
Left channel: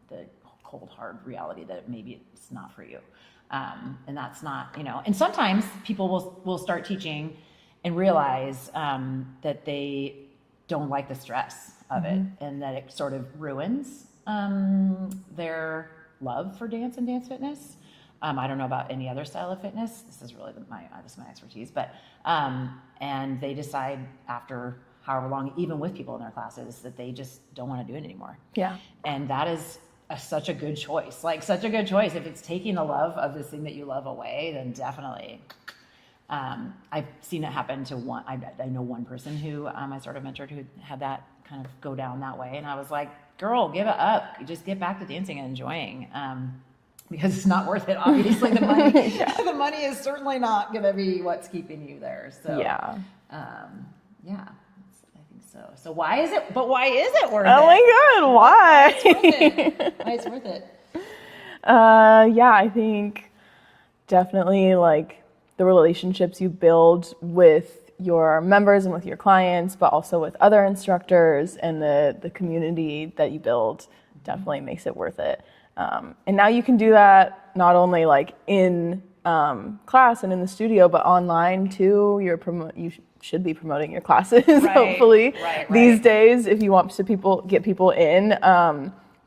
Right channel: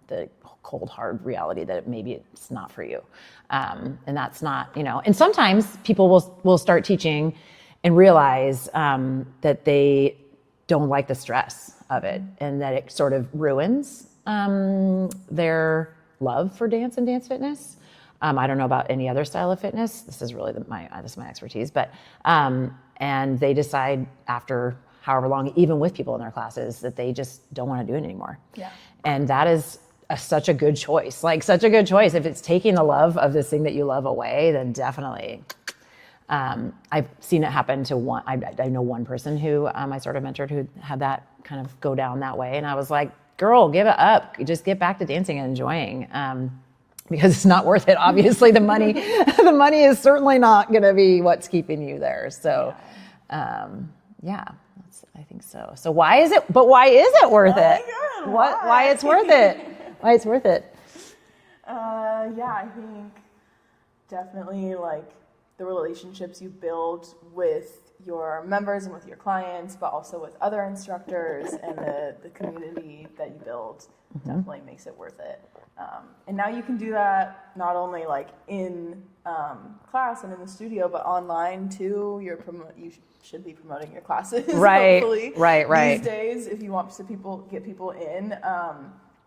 the cold hard reality that maybe it's not for you. And that's not, and sometimes people will start teaching and realize that they don't like the stress of it, and that it sort of ruins their love for dance and dance fitness. I don't know about any other style of fitness. This is really my expertise, but and they decide after however long, even with people in their classes, that they just don't want to do it anymore. Yeah. And that is such a good choice. Like such a good choice. If it's taking the love of this thing that you love away, then definitely. I've seen it happen to one. I know one person who I sort of mentored who had that kind of go down that way, and I was like, "Girl, give it up. Just get back to dancing and enjoying, because it's not worth it. Obviously, the money is certainly not going to be what's keeping you there." So, I think so. So why is it? But why is it worth it? Oh my God, why? Why it's worth it? Why it's worth it? I think definitely like the relationships you build with your members and with your clients, but also with other instructors, and the community that you build definitely makes it worth it. And now you can do that not only like in class and in the studio, but online too. You should be promoting your classes, hopefully. Right. These days, if you want to get people in.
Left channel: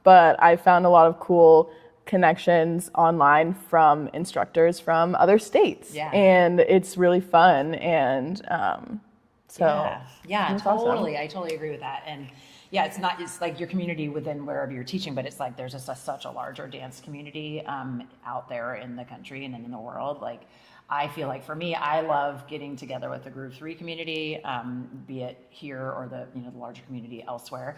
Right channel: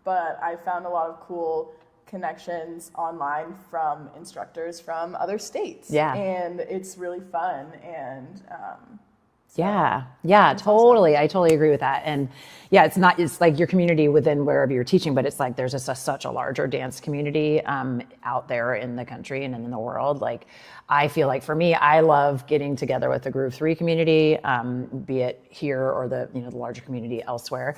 But I found a lot of cool connections online from instructors from other states. Yeah. And it's really fun. And yeah, totally. Awesome. I totally agree with that. And yeah, it's like your community within wherever you're teaching, but it's like there's just such a larger dance community out there in the country and in the world. Like, I feel like for me, I love getting together with the Groove 3 community, be it here or the larger community elsewhere,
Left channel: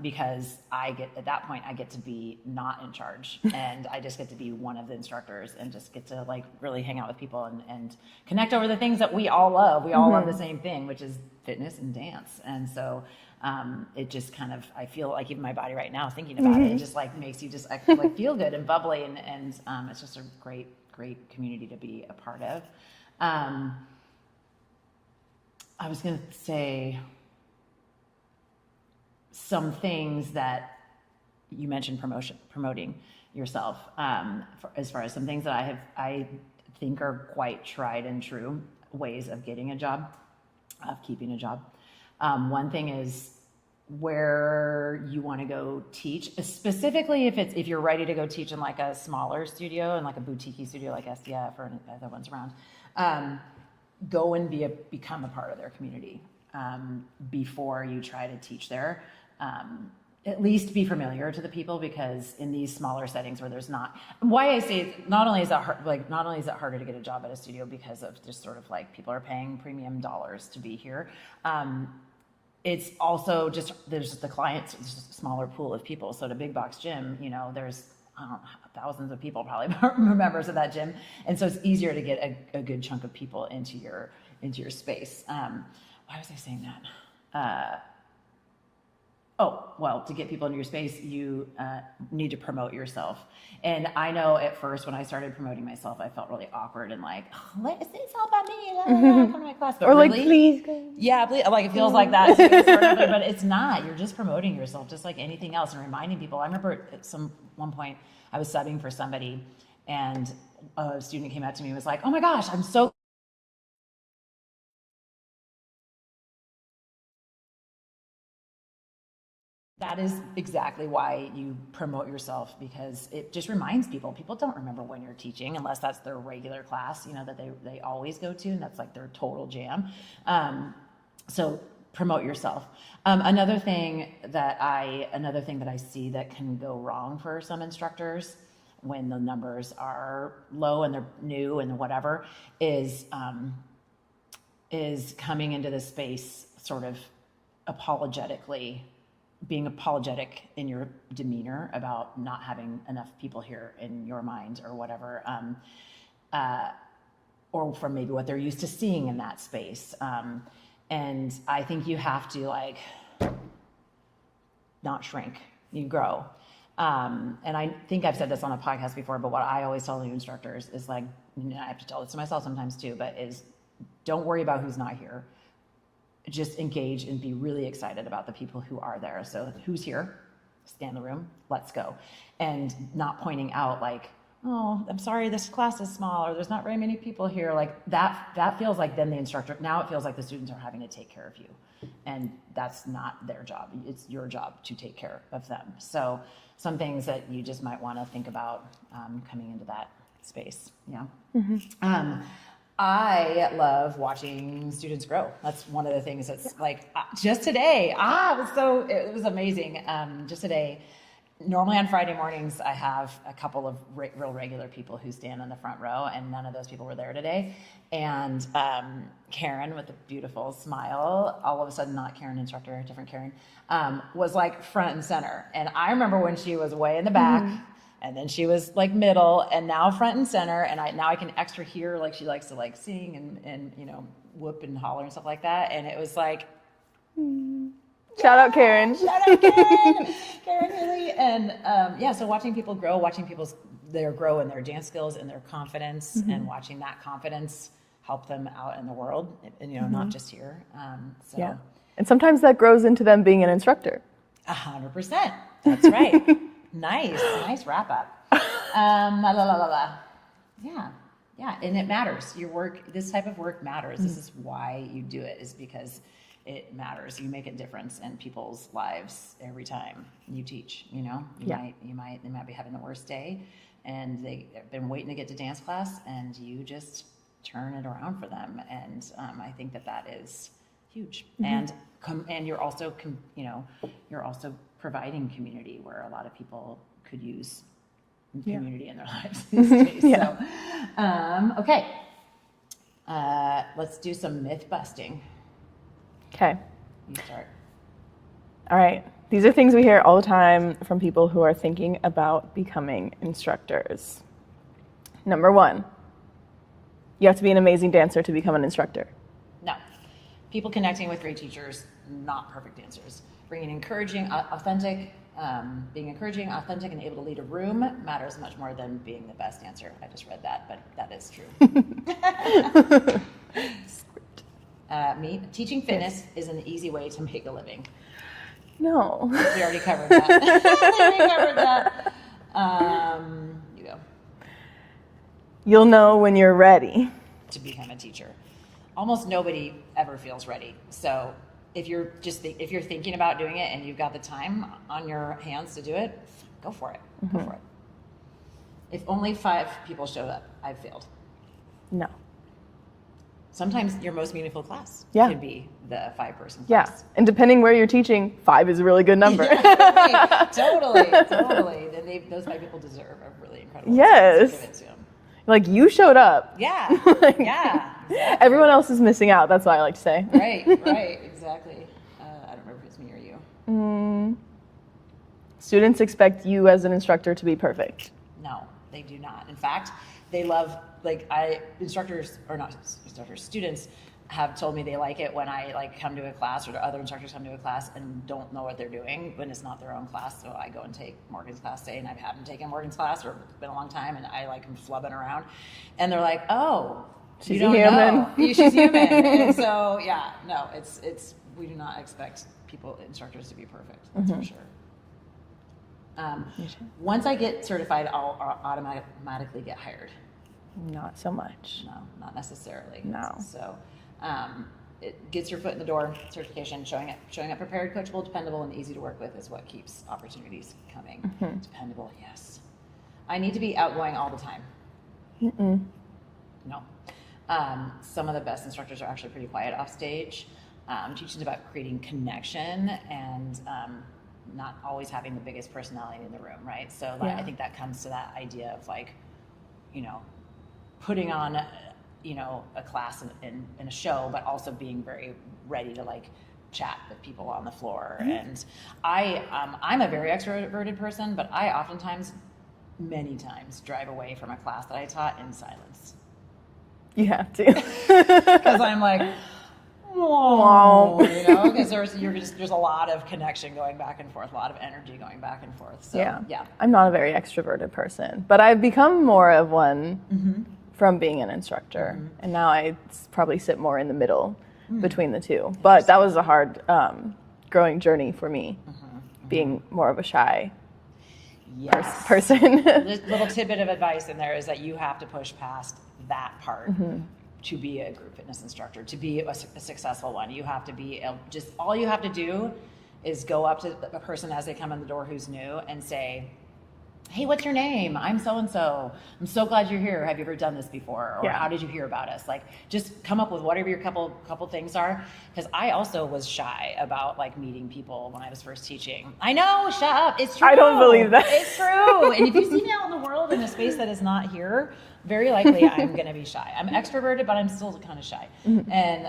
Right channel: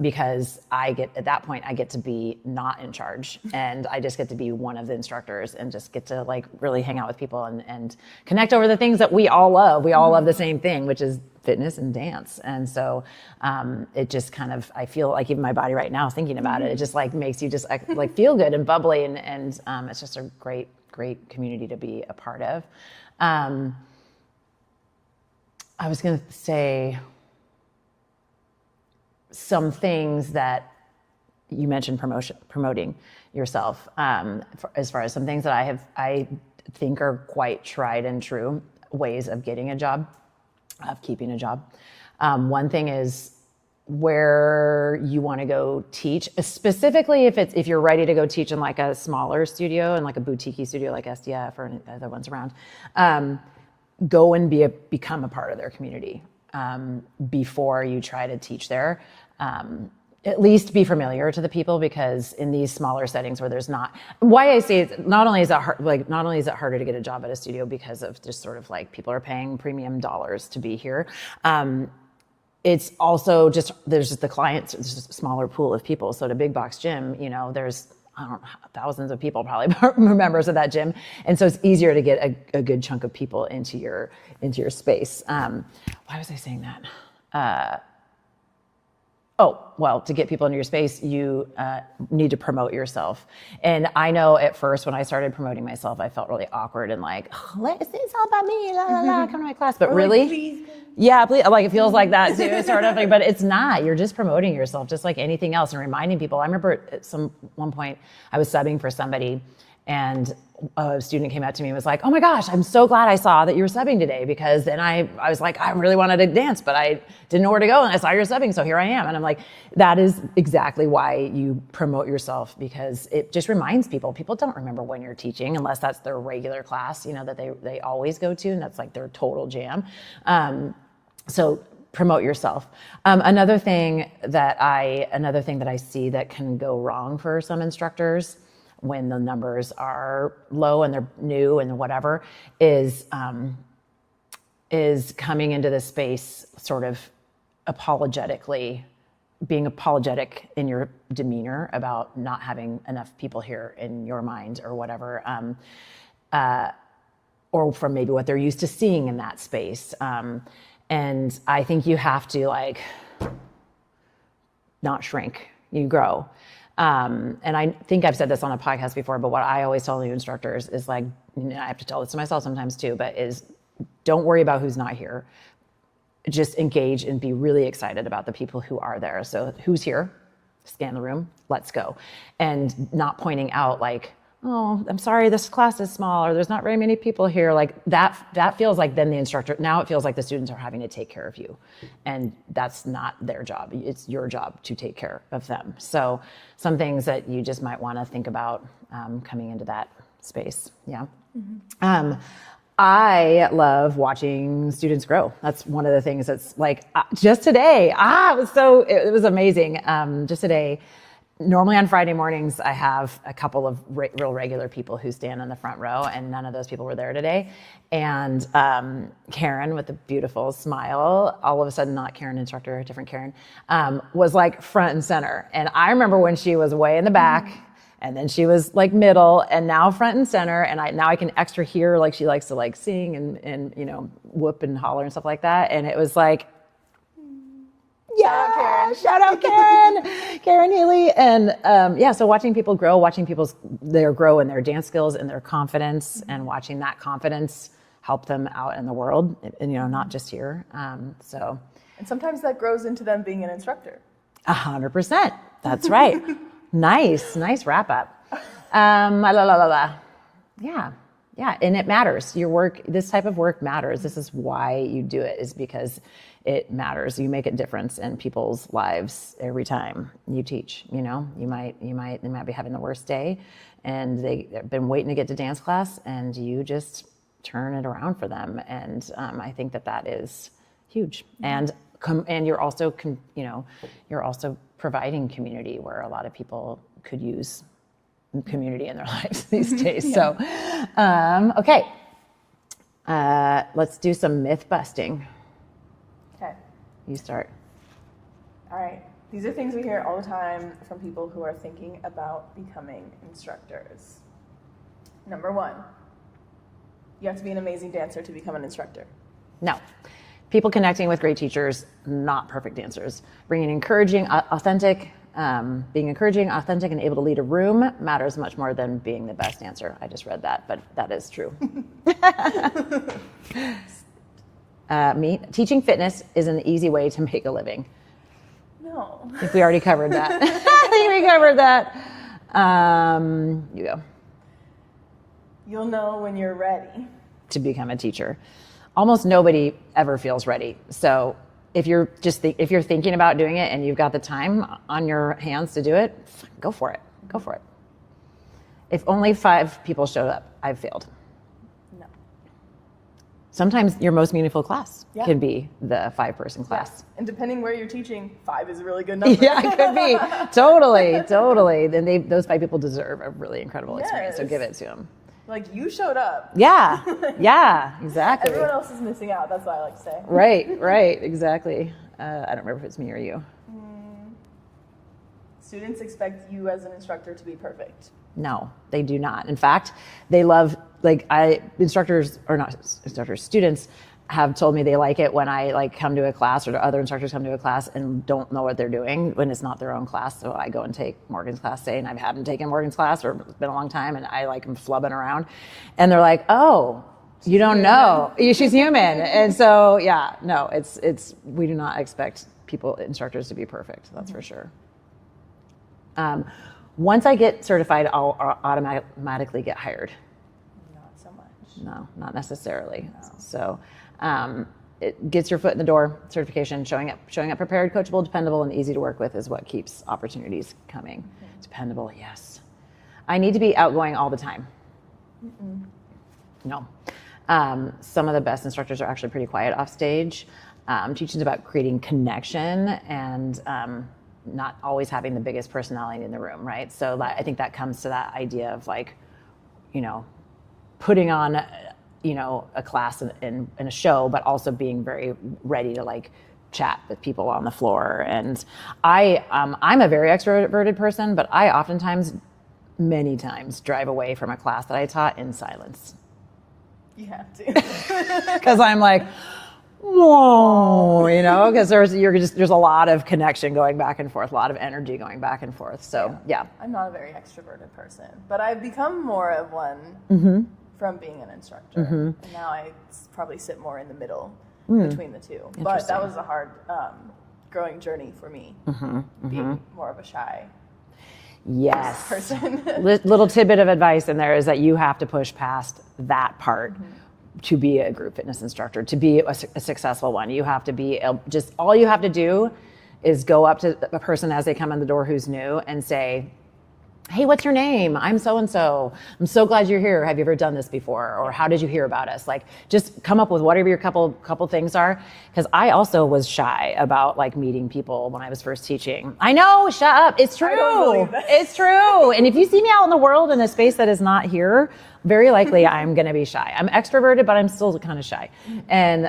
because at that point I get to be not in charge, and I just get to be one of the instructors and just get to like really hang out with people and connect over the things that we all love. We all love the same thing, which is fitness and dance. And so it just kind of, I feel like even my body right now thinking about it just like makes you just like feel good and bubbly, and it's just a great community to be a part of. I was going to say some things that you mentioned, promoting yourself, as far as some things that I think are quite tried and true ways of getting a job, of keeping a job. One thing is where you want to go teach, specifically if you're ready to go teach in like a smaller studio and like a boutique studio like SDF or other ones around, go and become a part of their community before you try to teach there. At least be familiar to the people, because in these smaller settings where there's not, why I say it, not only is it harder to get a job at a studio because of just sort of like people are paying premium dollars to be here. It's also just, there's just the clients, there's just a smaller pool of people. So at a big box gym, there's, I don't know, thousands of people probably members of that gym. And so it's easier to get a good chunk of people into your space. Why was I saying that? To get people into your space, you need to promote yourself. And I know at first when I started promoting myself, I felt really awkward and like, it's all about me, come to my class. But or really, like, please. Yeah, please, like it feels like that too, sort of thing, but it's not. You're just promoting yourself just like anything else and reminding people. I remember at one point I was subbing for somebody, and a student came out to me and was like, oh my gosh, I'm so glad I saw that you were subbing today, because then I was like, I really wanted to dance, but I didn't know where to go, and I saw you're subbing, so here I am. And I'm like, that is exactly why you promote yourself, because it just reminds people. People don't remember when you're teaching unless that's their regular class, that they always go to, and that's like their total jam. So promote yourself. Another thing that I see that can go wrong for some instructors when the numbers are low and they're new and whatever is coming into this space sort of being apologetic in your demeanor about not having enough people here in your mind or whatever, or from maybe what they're used to seeing in that space. And I think you have to like not shrink, you grow. And I think I've said this on a podcast before, but what I always tell new instructors is like, I have to tell this to myself sometimes too, but is don't worry about who's not here. Just engage and be really excited about the people who are there. So who's here? Scan the room, let's go. And not pointing out like, oh, I'm sorry, this class is small, or there's not very many people here. Like that feels like then the instructor, now it feels like the students are having to take care of you. And that's not their job. It's your job to take care of them. So some things that you just might want to think about coming into that space. Yeah. Mm-hmm. I love watching students grow. That's one of the things that's like, just today, it was amazing. Just today, normally on Friday mornings, I have a couple of real regular people who stand in the front row, and none of those people were there today. And Karen, with a beautiful smile, all of a sudden, not Karen instructor, a different Karen, was like front and center. And I remember when she was way in the back, and then she was like middle, and now front and center. And now I can extra hear like she likes to like sing and whoop and holler and stuff like that. And it was like, Shout out Karen. Shout out Karen. Karen Healy. And so watching people grow, watching grow in their dance skills and their confidence, and watching that confidence help them out in the world, and not just here. So. And sometimes that grows into them being an instructor. 100%. That's right. Nice wrap up. Yeah, and it matters. Your work, this type of work matters. This is why you do it, is because it matters. You make a difference in people's lives every time you teach. You might be having the worst day, and they've been waiting to get to dance class, and you just turn it around for them. And I think that is huge. And you're also providing community where a lot of people could use community in their lives these days. So, okay, let's do some myth busting. Okay. You start. All right. These are things we hear all the time from people who are thinking about becoming instructors. Number 1, you have to be an amazing dancer to become an instructor. No. People connecting with great teachers, not perfect dancers. Being encouraging, authentic, and able to lead a room matters much more than being the best dancer. I just read that, but that is true. Teaching fitness is an easy way to make a living. No. We already covered that. You go. You'll know when you're ready to become a teacher. Almost nobody ever feels ready. So if you're thinking about doing it and you've got the time on your hands to do it, go for it. Go for it. If only 5 people showed up, I've failed. No. Sometimes your most meaningful class can be the 5-person class. Yeah, and depending where you're teaching, 5 is a really good number. Yeah, it could be. Totally. Then those 5 people deserve a really incredible experience. So give it to them. Like, you showed up. Yeah, exactly. Everyone else is missing out. That's what I like to say. Right, exactly. I don't remember if it's me or you. Students expect you as an instructor to be perfect. No, they do not. In fact, they love, students have told me they like it when I come to a class, or other instructors come to a class and don't know what they're doing when it's not their own class. So I go and take Morgan's class, say, and I haven't taken Morgan's class, or it's been a long time, and I am flubbing around, and they're like, "Oh, you don't know, she's human." And so we do not expect instructors to be perfect. That's for sure. Once I get certified, I'll automatically get hired. Not so much. No, not necessarily. No. So it gets your foot in the door. Certification, showing up prepared, coachable, dependable, and easy to work with is what keeps opportunities coming. Dependable, yes. I need to be outgoing all the time. No. Some of the best instructors are actually pretty quiet off stage. Teaching is about creating connection and not always having the biggest personality in the room, right? So I think that comes to that idea of putting on a class in a show, but also being very ready to chat with people on the floor. And I'm a very extroverted person, but I oftentimes, many times, drive away from a class that I taught in silence. You have to. Because I'm like, whoa, because there's a lot of connection going back and forth, a lot of energy going back and forth. So yeah. I'm not a very extroverted person, but I've become more of one from being an instructor. And now I probably sit more in the middle between the two. But that was a hard growing journey for me, being more of a shy person. Little tidbit of advice in there is that you have to push past that part to be a group fitness instructor, to be a successful one. You have to be all you have to do is go up to a person as they come in the door who's new and say, "Hey, what's your name? I'm so-and-so. I'm so glad you're here. Have you ever done this before? Or how did you hear about us?" Just come up with whatever your couple things are. Because I also was shy about meeting people when I was first teaching. I know, shut up. It's true. I don't believe that. It's true. And if you see me out in the world in a space that is not here, very likely I'm going to be shy. I'm extroverted, but I'm still kind of shy. And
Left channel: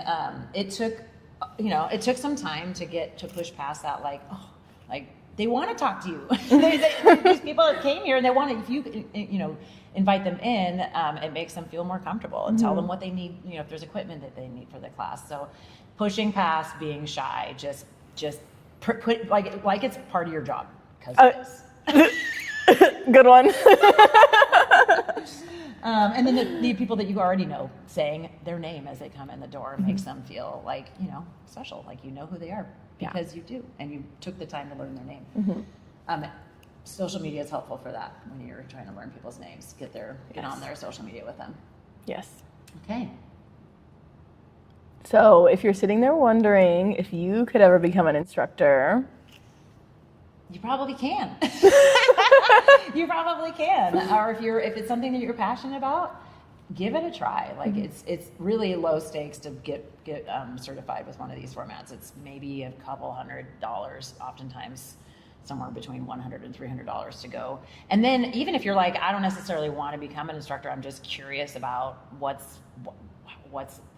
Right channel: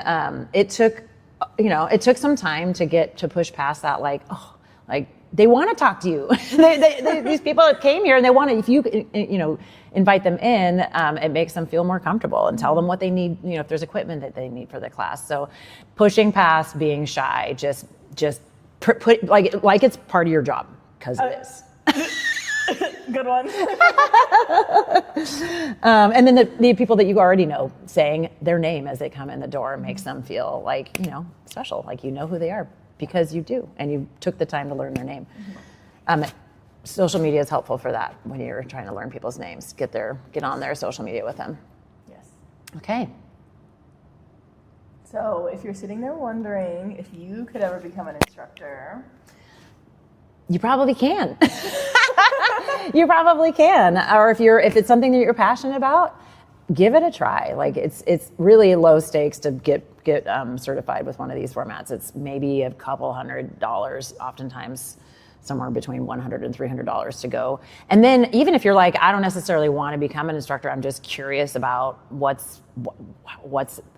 it took some time to push past that. They want to talk to you. These people that came here and they want to, if you invite them in, it makes them feel more comfortable and tell them what they need, if there's equipment that they need for the class. So pushing past being shy, just put like it's part of your job, because it is. Good one. And then the people that you already know, saying their name as they come in the door makes them feel like, special, like you know who they are because you do, and you took the time to learn their name. Social media is helpful for that when you're trying to learn people's names. Get on their social media with them. Yes. Okay. So if you're sitting there wondering if you could ever become an instructor, you probably can. You probably can. Or if it's something that you're passionate about, give it a try. Like it's really low stakes to get certified with one of these formats. It's maybe a couple $100, oftentimes somewhere between $100 and $300 to go. And then even if you're like, I don't necessarily want to become an instructor, I'm just curious about what's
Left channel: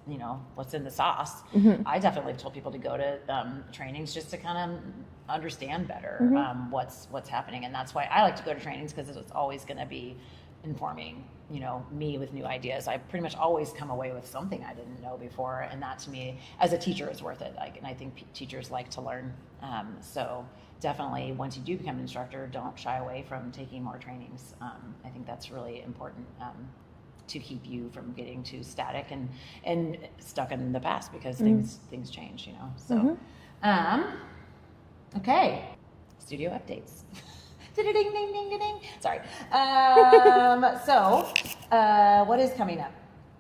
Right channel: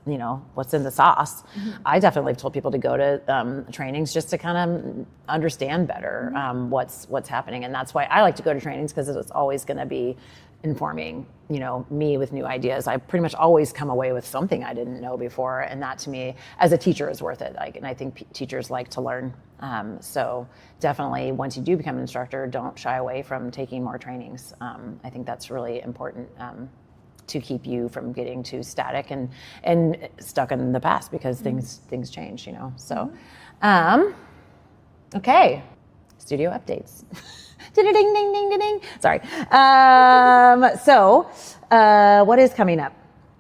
in the sauce. I definitely told people to go to trainings just to kind of understand better what's happening. And that's why I like to go to trainings, because it's always going to be informing, me with new ideas. I pretty much always come away with something I didn't know before. And that to me, as a teacher, is worth it. And I think teachers like to learn. So definitely, once you do become an instructor, don't shy away from taking more trainings. I think that's really important to keep you from getting too static and stuck in the past, because things change, So, okay, studio updates. Ding, ding, ding, ding, ding. Sorry. So, what is coming up?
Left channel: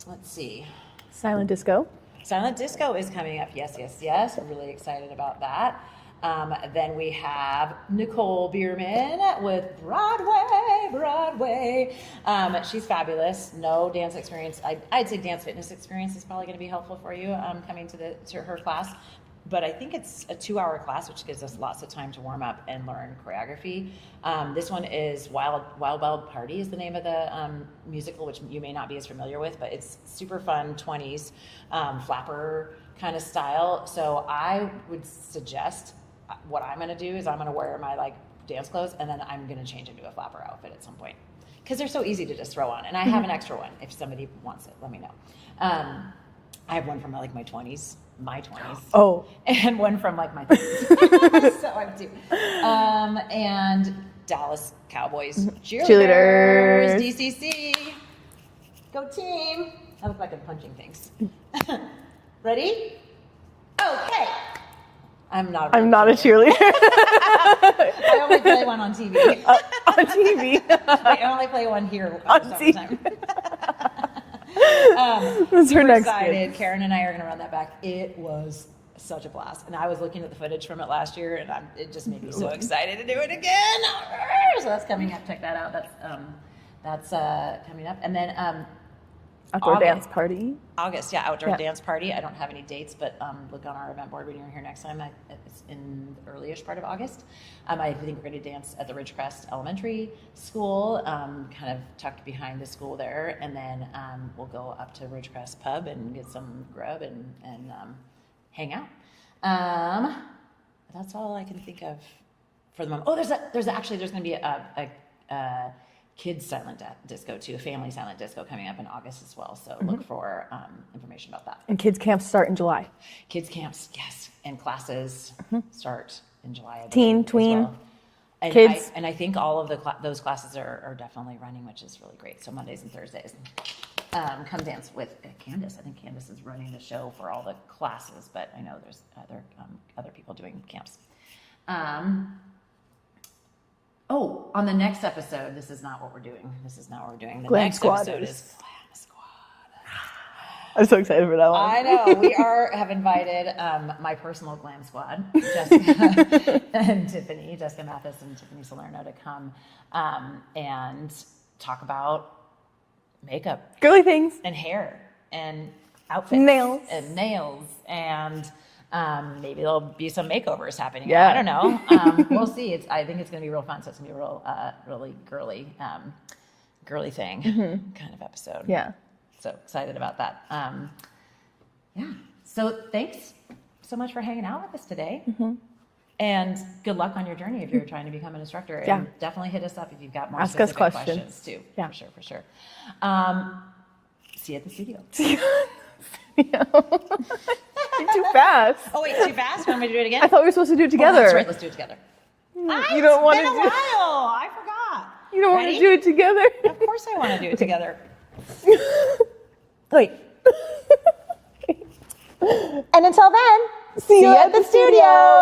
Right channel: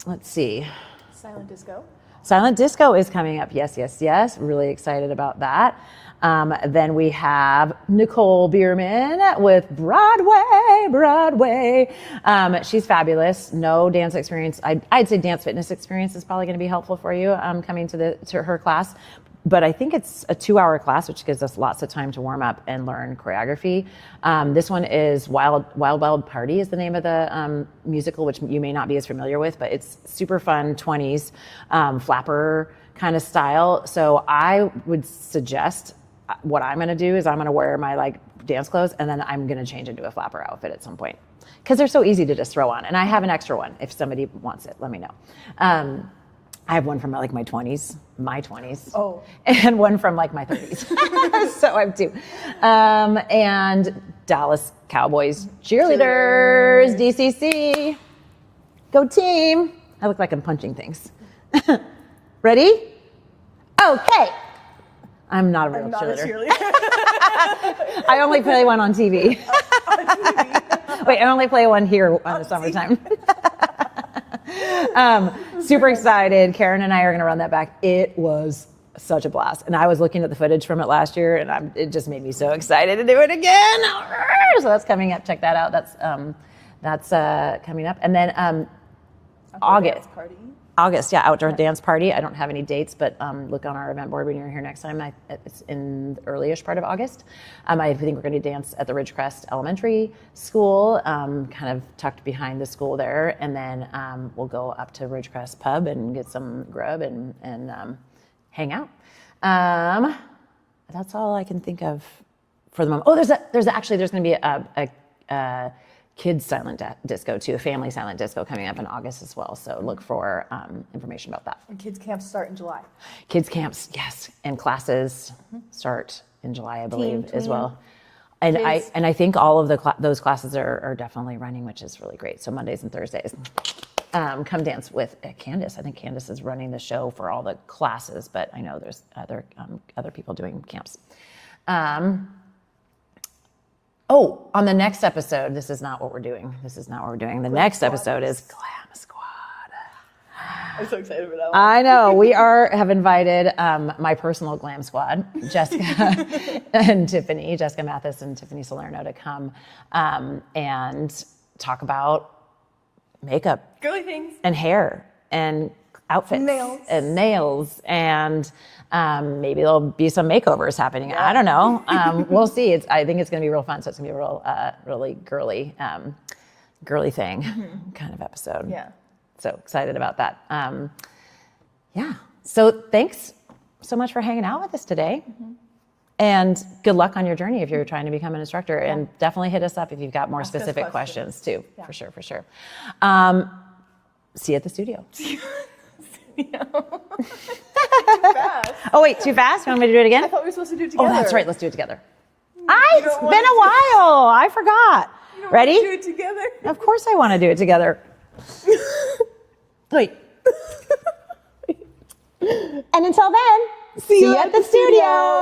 Let's see. silent disco. Silent disco is coming up. Yes, yes, yes. Really excited about that. Then we have Nicole Bierman with Broadway. She's fabulous. No dance experience. I'd say dance fitness experience is probably going to be helpful for you coming to her class. But I think it's a 2-hour class, which gives us lots of time to warm up and learn choreography. This one is Wild Party is the name of the musical, which you may not be as familiar with, but it's super fun, 20s, flapper kind of style. So I would suggest what I'm gonna do is I'm gonna wear my dance clothes, and then I'm gonna change into a flapper outfit at some point, because they're so easy to just throw on. And I have an extra one. If somebody wants it, let me know. I have one from my 20s. Oh. And one from my 30s. So I have two. And Dallas Cowboys cheerleaders, DCC. Go team. I look like I'm punching things. Ready? Okay. I'm not a cheerleader. I only play one on TV. On TV. Wait, I only play one here on the summertime. Super excited. Karen and I are going to run that back. It was such a blast. And I was looking at the footage from it last year, and it just made me so excited to do it again. So that's coming up. Check that out. That's coming up. And then Outdoor dance party. August, yeah, outdoor dance party. I don't have any dates, but look on our event board when you're here next time. It's in the early-ish part of August. I think we're going to dance at the Ridgecrest Elementary School, kind of tucked behind the school there, and then we'll go up to Ridgecrest Pub and get some grub and hang out. That's all I can think of for the moment. Oh, there's going to be a kids silent disco too, a family silent disco coming up in August as well. So look for information about that. And kids camps start in July. Kids camps, yes, and classes start in July, I Teen, believe, tween, as well. And kids. I think all of those classes are definitely running, which is really great. So Mondays and Thursdays, come dance with Candace. I think Candace is running the show for all the classes, but I know there's other people doing camps. Oh, on the next episode, this is not what we're doing. The next episode is Glam Squad. I'm so excited for that one. I know. We have invited my personal Glam Squad, Jessica and Tiffany, Jessica Mathis and Tiffany Salerno, to come and talk about makeup. Girly things. And hair and outfits. Nails. And maybe there'll be some makeovers happening. Yeah. I don't know. We'll see. I think it's going to be real fun. So it's going to be a real, really girly thing kind of episode. Yeah. So excited about that. Yeah. So thanks so much for hanging out with us today. And good luck on your journey if you're trying to become an instructor. And definited hit us up if you've got more specific questions too. Yeah. For sure. See you at the studio. Too fast. Oh, wait, too fast? You want me to do it again? I thought we were supposed to do it together. Oh, that's right. Let's do it together. It's been a while. I forgot. You don't Ready? want to do it together? Of course I want to do it together. Wait. And until then, see you at the studio.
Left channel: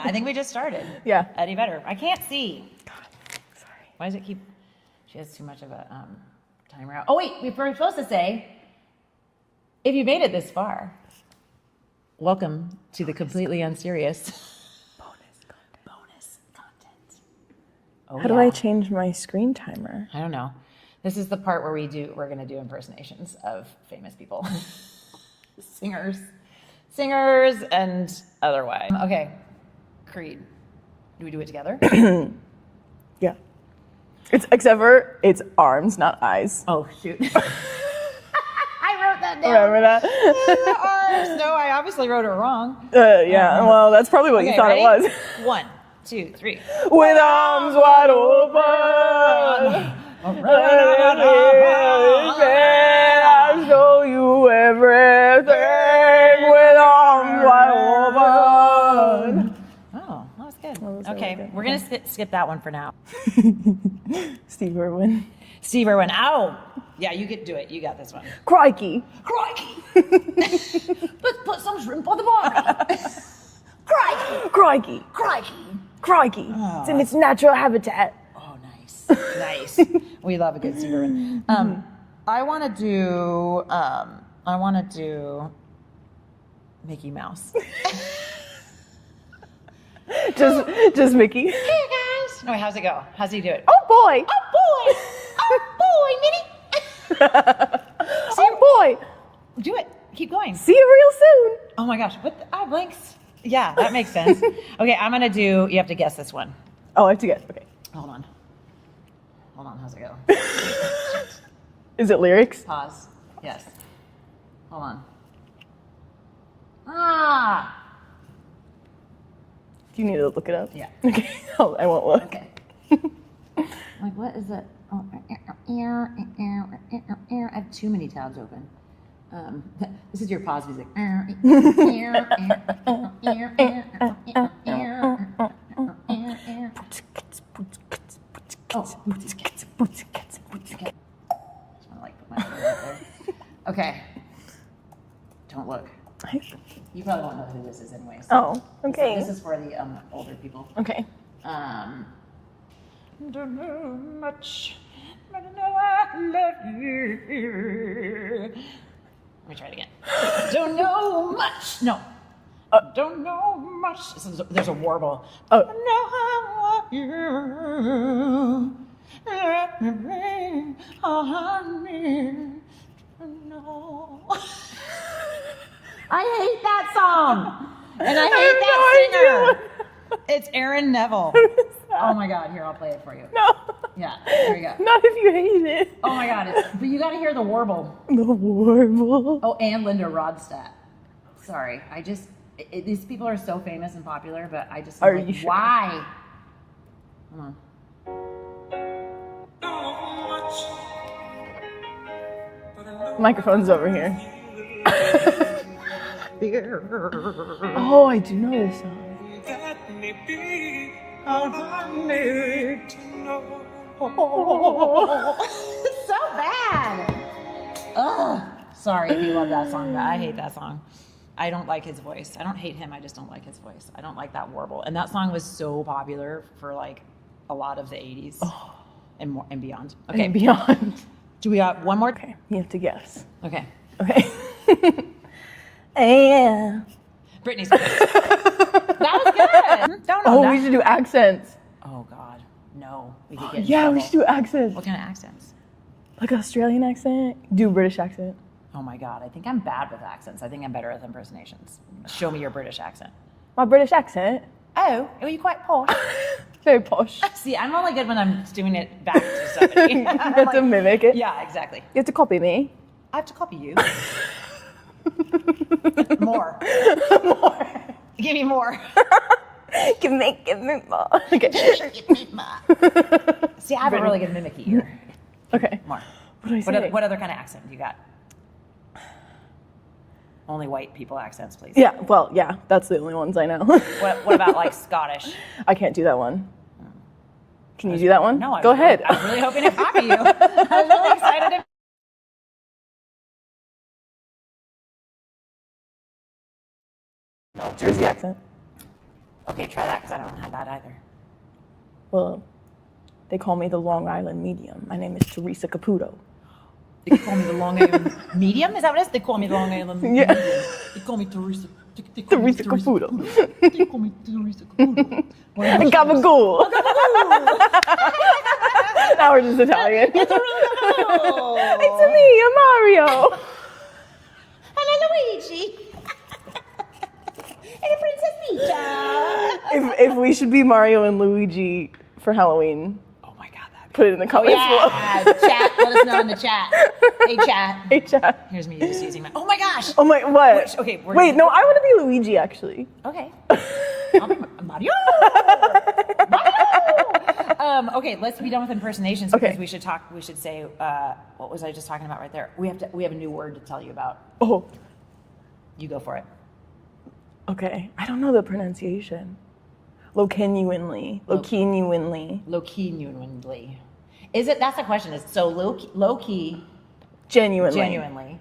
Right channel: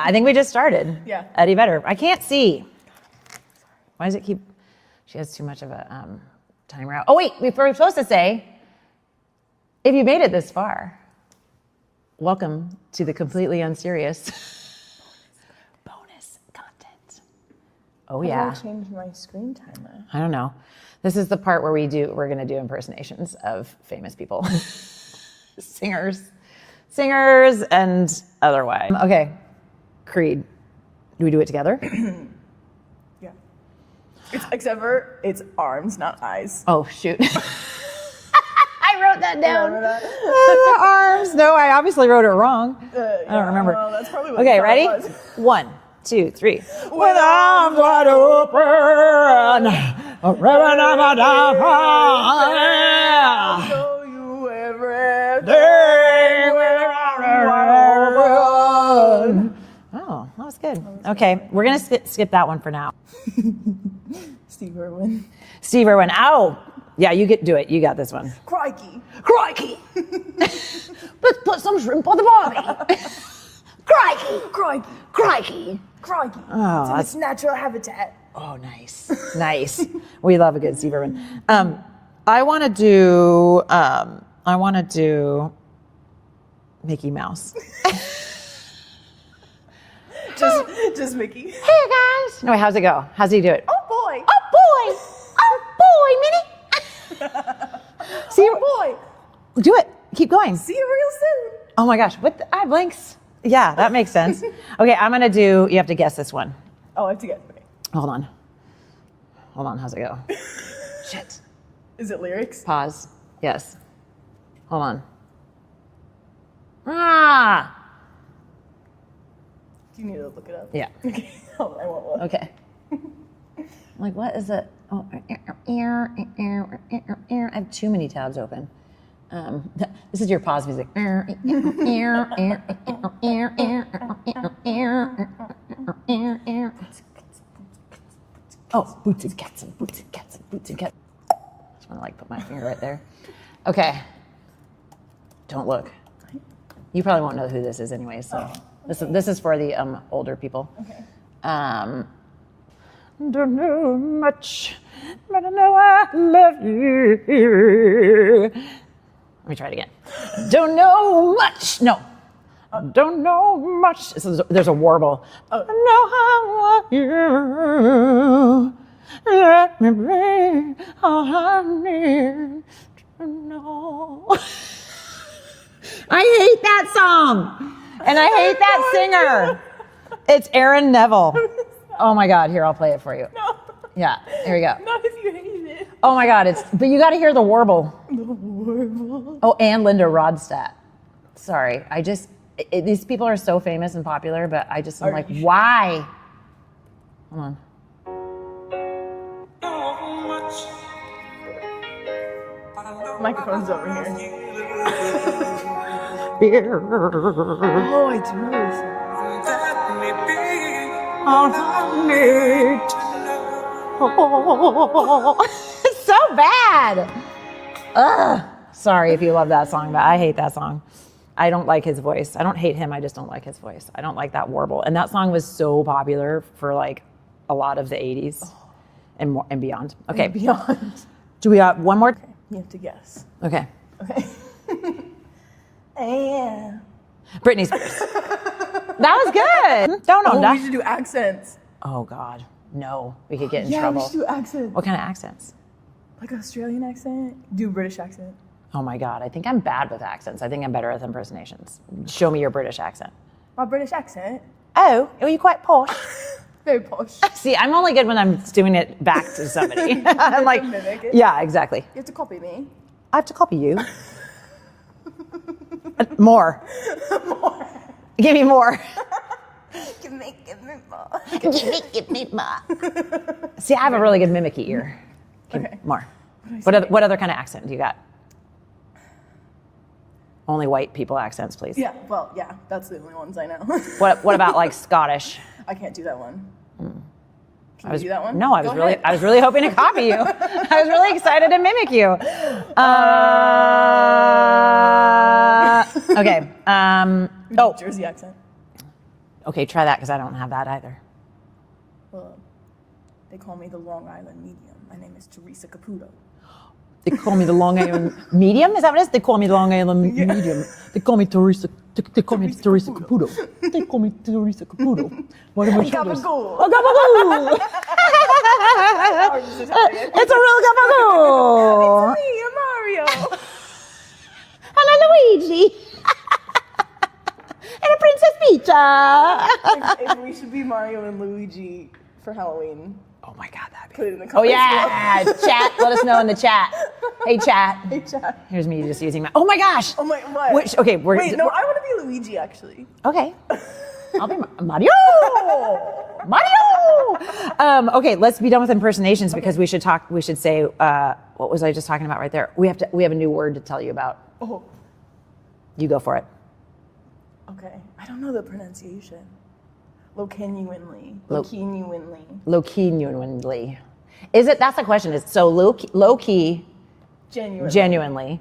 I think we just started. Yeah. Eddie Vedder. I can't see. Sorry. Why does it keep? She has too much of a timer out. Oh wait, we were supposed to say, if you made it this far, welcome to the completely unserious bonus content. Oh How do I change my screen timer? I don't know. This is the part where we're going to do impersonations of famous people, singers, and otherwise. Okay, Creed. Do we do it together? Yeah. Except for it's arms, not eyes. Oh shoot! I wrote that down. Remember that? Arms. No, I obviously wrote it wrong. Yeah. Well, that's probably what you thought ready? it was. 1, 2, 3. With arms wide open. I'll show you everything with arms wide open. Oh, that was good. Okay, we're gonna skip that one for now. Steve Irwin. Steve Irwin. Ow! Yeah, do it. You got this one. Crikey. Let's put some shrimp on the barbie. Crikey. Oh, It's in its natural habitat. Oh, nice. We love a good Steve Irwin. I want to do Mickey Mouse. Just Mickey. Hey guys. No, wait, how's it go? How's he do it? Oh boy. Minnie. Oh boy. Do it. Keep going. See you real soon. Oh my gosh. I have blanks. Yeah, that makes sense. Okay, I'm gonna do. You have to guess this one. Oh, I have to get. Okay. Hold on. How's it go? Shit. Is it lyrics? Pause. Yes. Hold on. Ah. Do you need to look it up? Yeah. Okay. I won't look. Okay. Like, what is it? Oh, I have too many tabs open. This is your pause music. Oh, boots and cats. Just want to like put my finger right there. Okay. Don't look. You probably won't know who this is anyway. So okay. This is for the older people. Okay. Don't know much, but I know I love you. Let me try it again. Don't know much. No. Don't know much. There's a warble. I know I love you. Let me bring all I need to know. I hate that song. And I hate that singer. It's Aaron Neville. Oh my God, here, I'll play it for you. No. Yeah, here we go. Not if you hate it. Oh my God, but you gotta hear the warble. The warble. Oh, and Linda Ronstadt. Sorry, these people are so famous and popular, but I just am like, sure? why? Hold on. Microphone's over here. Oh, I do know this song. It's so bad. Ugh. Sorry if you love that song, but I hate that song. I don't like his voice. I don't hate him. I just don't like his voice. I don't like that warble. And that song was so popular for like a lot of the 80s and beyond. Okay. And beyond. Do we have one more? Okay, you have to guess. Okay. Okay. Yeah. Britney Spears. That was good. Oh, we should do accents. Oh God, no. We could get in Yeah, trouble. we should do accents. What kind of accents? Like Australian accent. Do British accent. Oh my God, I think I'm bad with accents. I think I'm better with impersonations. Show me your British accent. My British accent. Oh, are you quite posh? Very posh. See, I'm only good when I'm doing it back to somebody. You have to mimic it. Yeah, exactly. You have to copy me. I have to copy you. More. More. Give me more. Give me more. Okay. Give me more. See, I have a really good mimicky ear. Okay. More. What What other kind of accent do you got? Only white people accents, please. Yeah, well, yeah, that's the only ones I know. What about like Scottish? I can't do that one. Can you do that one? No, Go ahead. I was really hoping to copy you. I was really excited to mimic you. Okay. Jersey accent. Okay, try that because I don't have that either. Well, they call me the Long Island Medium. My name is Teresa Caputo. They call me the Long Island Medium? Is that what it is? They call me the Long Island Medium. They call me Teresa. They call me Teresa Caputo. They call me Teresa Caputo. Gabagool. Oh, gabagool! Now we're just Italian. It's a real gabagool! It's me, I'm Mario. And a Luigi! And a Princess Peach! if we should be Mario and Luigi for Halloween, Oh my God, that'd be... put it in the Oh comments. yeah! Chat, let us know in the chat. Hey chat. Hey, chat. Here's me just using my... Oh my gosh! Oh my, what? Okay, Wait, no, I want to be Luigi, actually. Okay. I'll be Mario! Mario! Okay, let's be done with impersonations because we should say, what was I just talking about right there? We have a new word to tell you about. Oh, You go for it. okay. I don't know the pronunciation. Low-genuinely. Low-genuinely. Low-key-genuinely. Is it, that's the question, is so low-key, Genuinely. genuinely.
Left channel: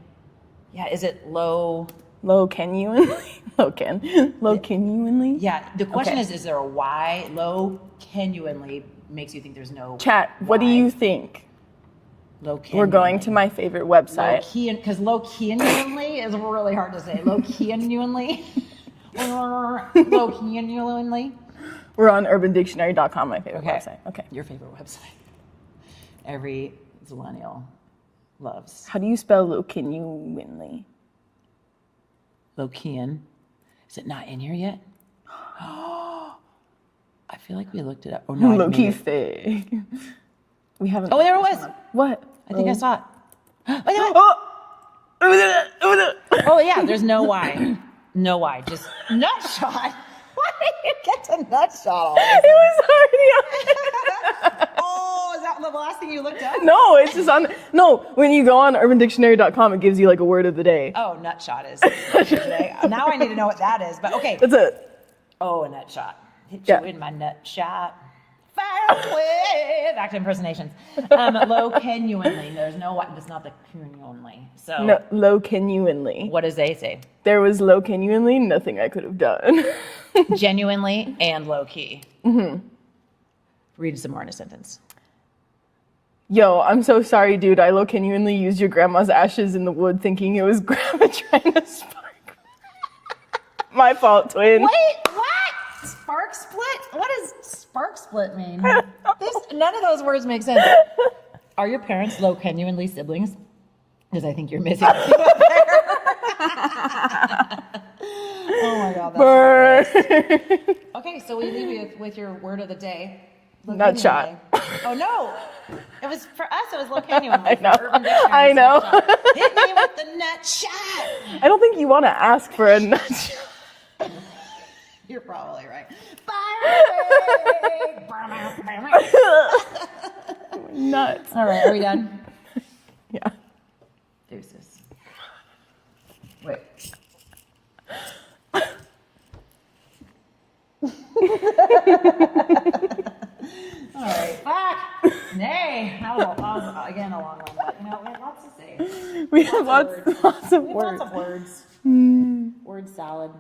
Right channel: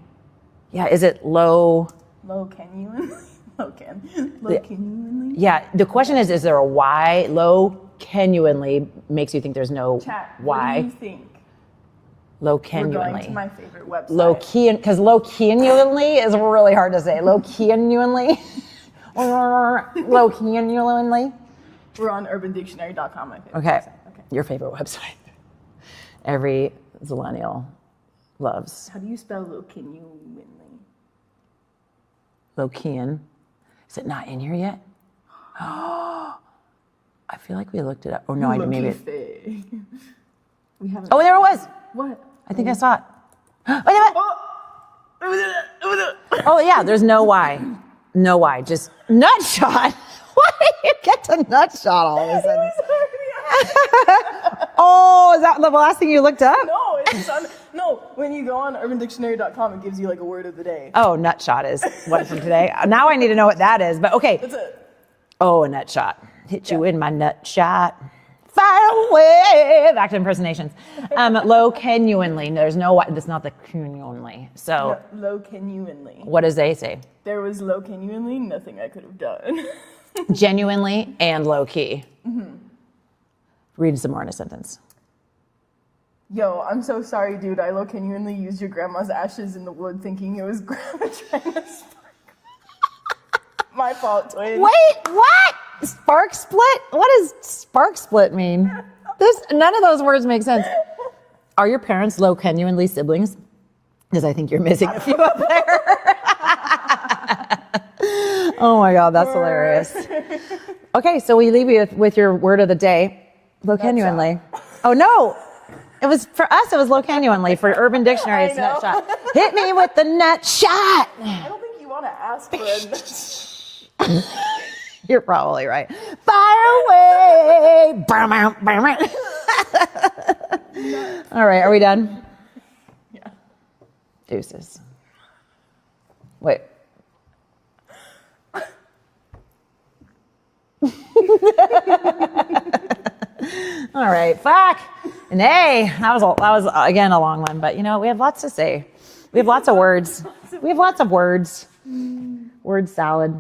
Yeah, is it low? Low-genuinely. Low-genuinely. Yeah, the question Okay. is there a Y? Low-genuinely makes you think there's no Chat, Y. what do you think? Low-genuinely. We're going to my favorite website. Low-key, because low-genuinely is really hard to say. Low-genuinely. Low-genuinely. We're on urbandictionary.com, my favorite website. Okay. Your favorite website. Every Zillennial loves. How do you spell low-genuinely? Low-keyan. Is it not in here yet? I feel like we looked it up. Oh no, I didn't mean it. We haven't. Oh, there it was. What? I think I saw it. Oh yeah, there's no Y. No Y, just nut shot. Why did you get to nut shot all of a sudden? It was already on. Oh, is that the last thing you looked up? No, it's just on. No, when you go on urbandictionary.com, it gives you like a word of the day. Oh, nut shot is what for today. Now I need to know what that is, but okay. That's it. Oh, a nut shot. Hit you Yeah. in my nut shot. Fire away. Back to impersonations. Low-genuinely. There's no Y. That's not the genuinely. So No, low-genuinely. what does they say? There was low-genuinely nothing I could have done. Genuinely and low-key. Mm-hmm. Read some more in a sentence. Yo, I'm so sorry, dude. I low-genuinely used your grandma's ashes in the wood thinking it was grandma trying to spark. My fault, twin. Wait, what? Spark split? What does spark split mean? None of those words make sense. Are your parents low-genuinely siblings? Because I think you're missing a few up there. Oh my God, that's hilarious. Okay, so we leave you with your word of the day. Low-genuinely. Oh no. It was for us. It was low-genuinely for Urban Dictionary. I know. Nut shot. Hit me with the nut shot. I don't think you want to ask for a nut. You're probably right. Fire away. Nuts. All right, are we done? Yeah. Deuces. Wait. All right, fuck. Nay, that was again a long one, but you know we have lots to say. We have lots of words. We have lots of words. Word salad.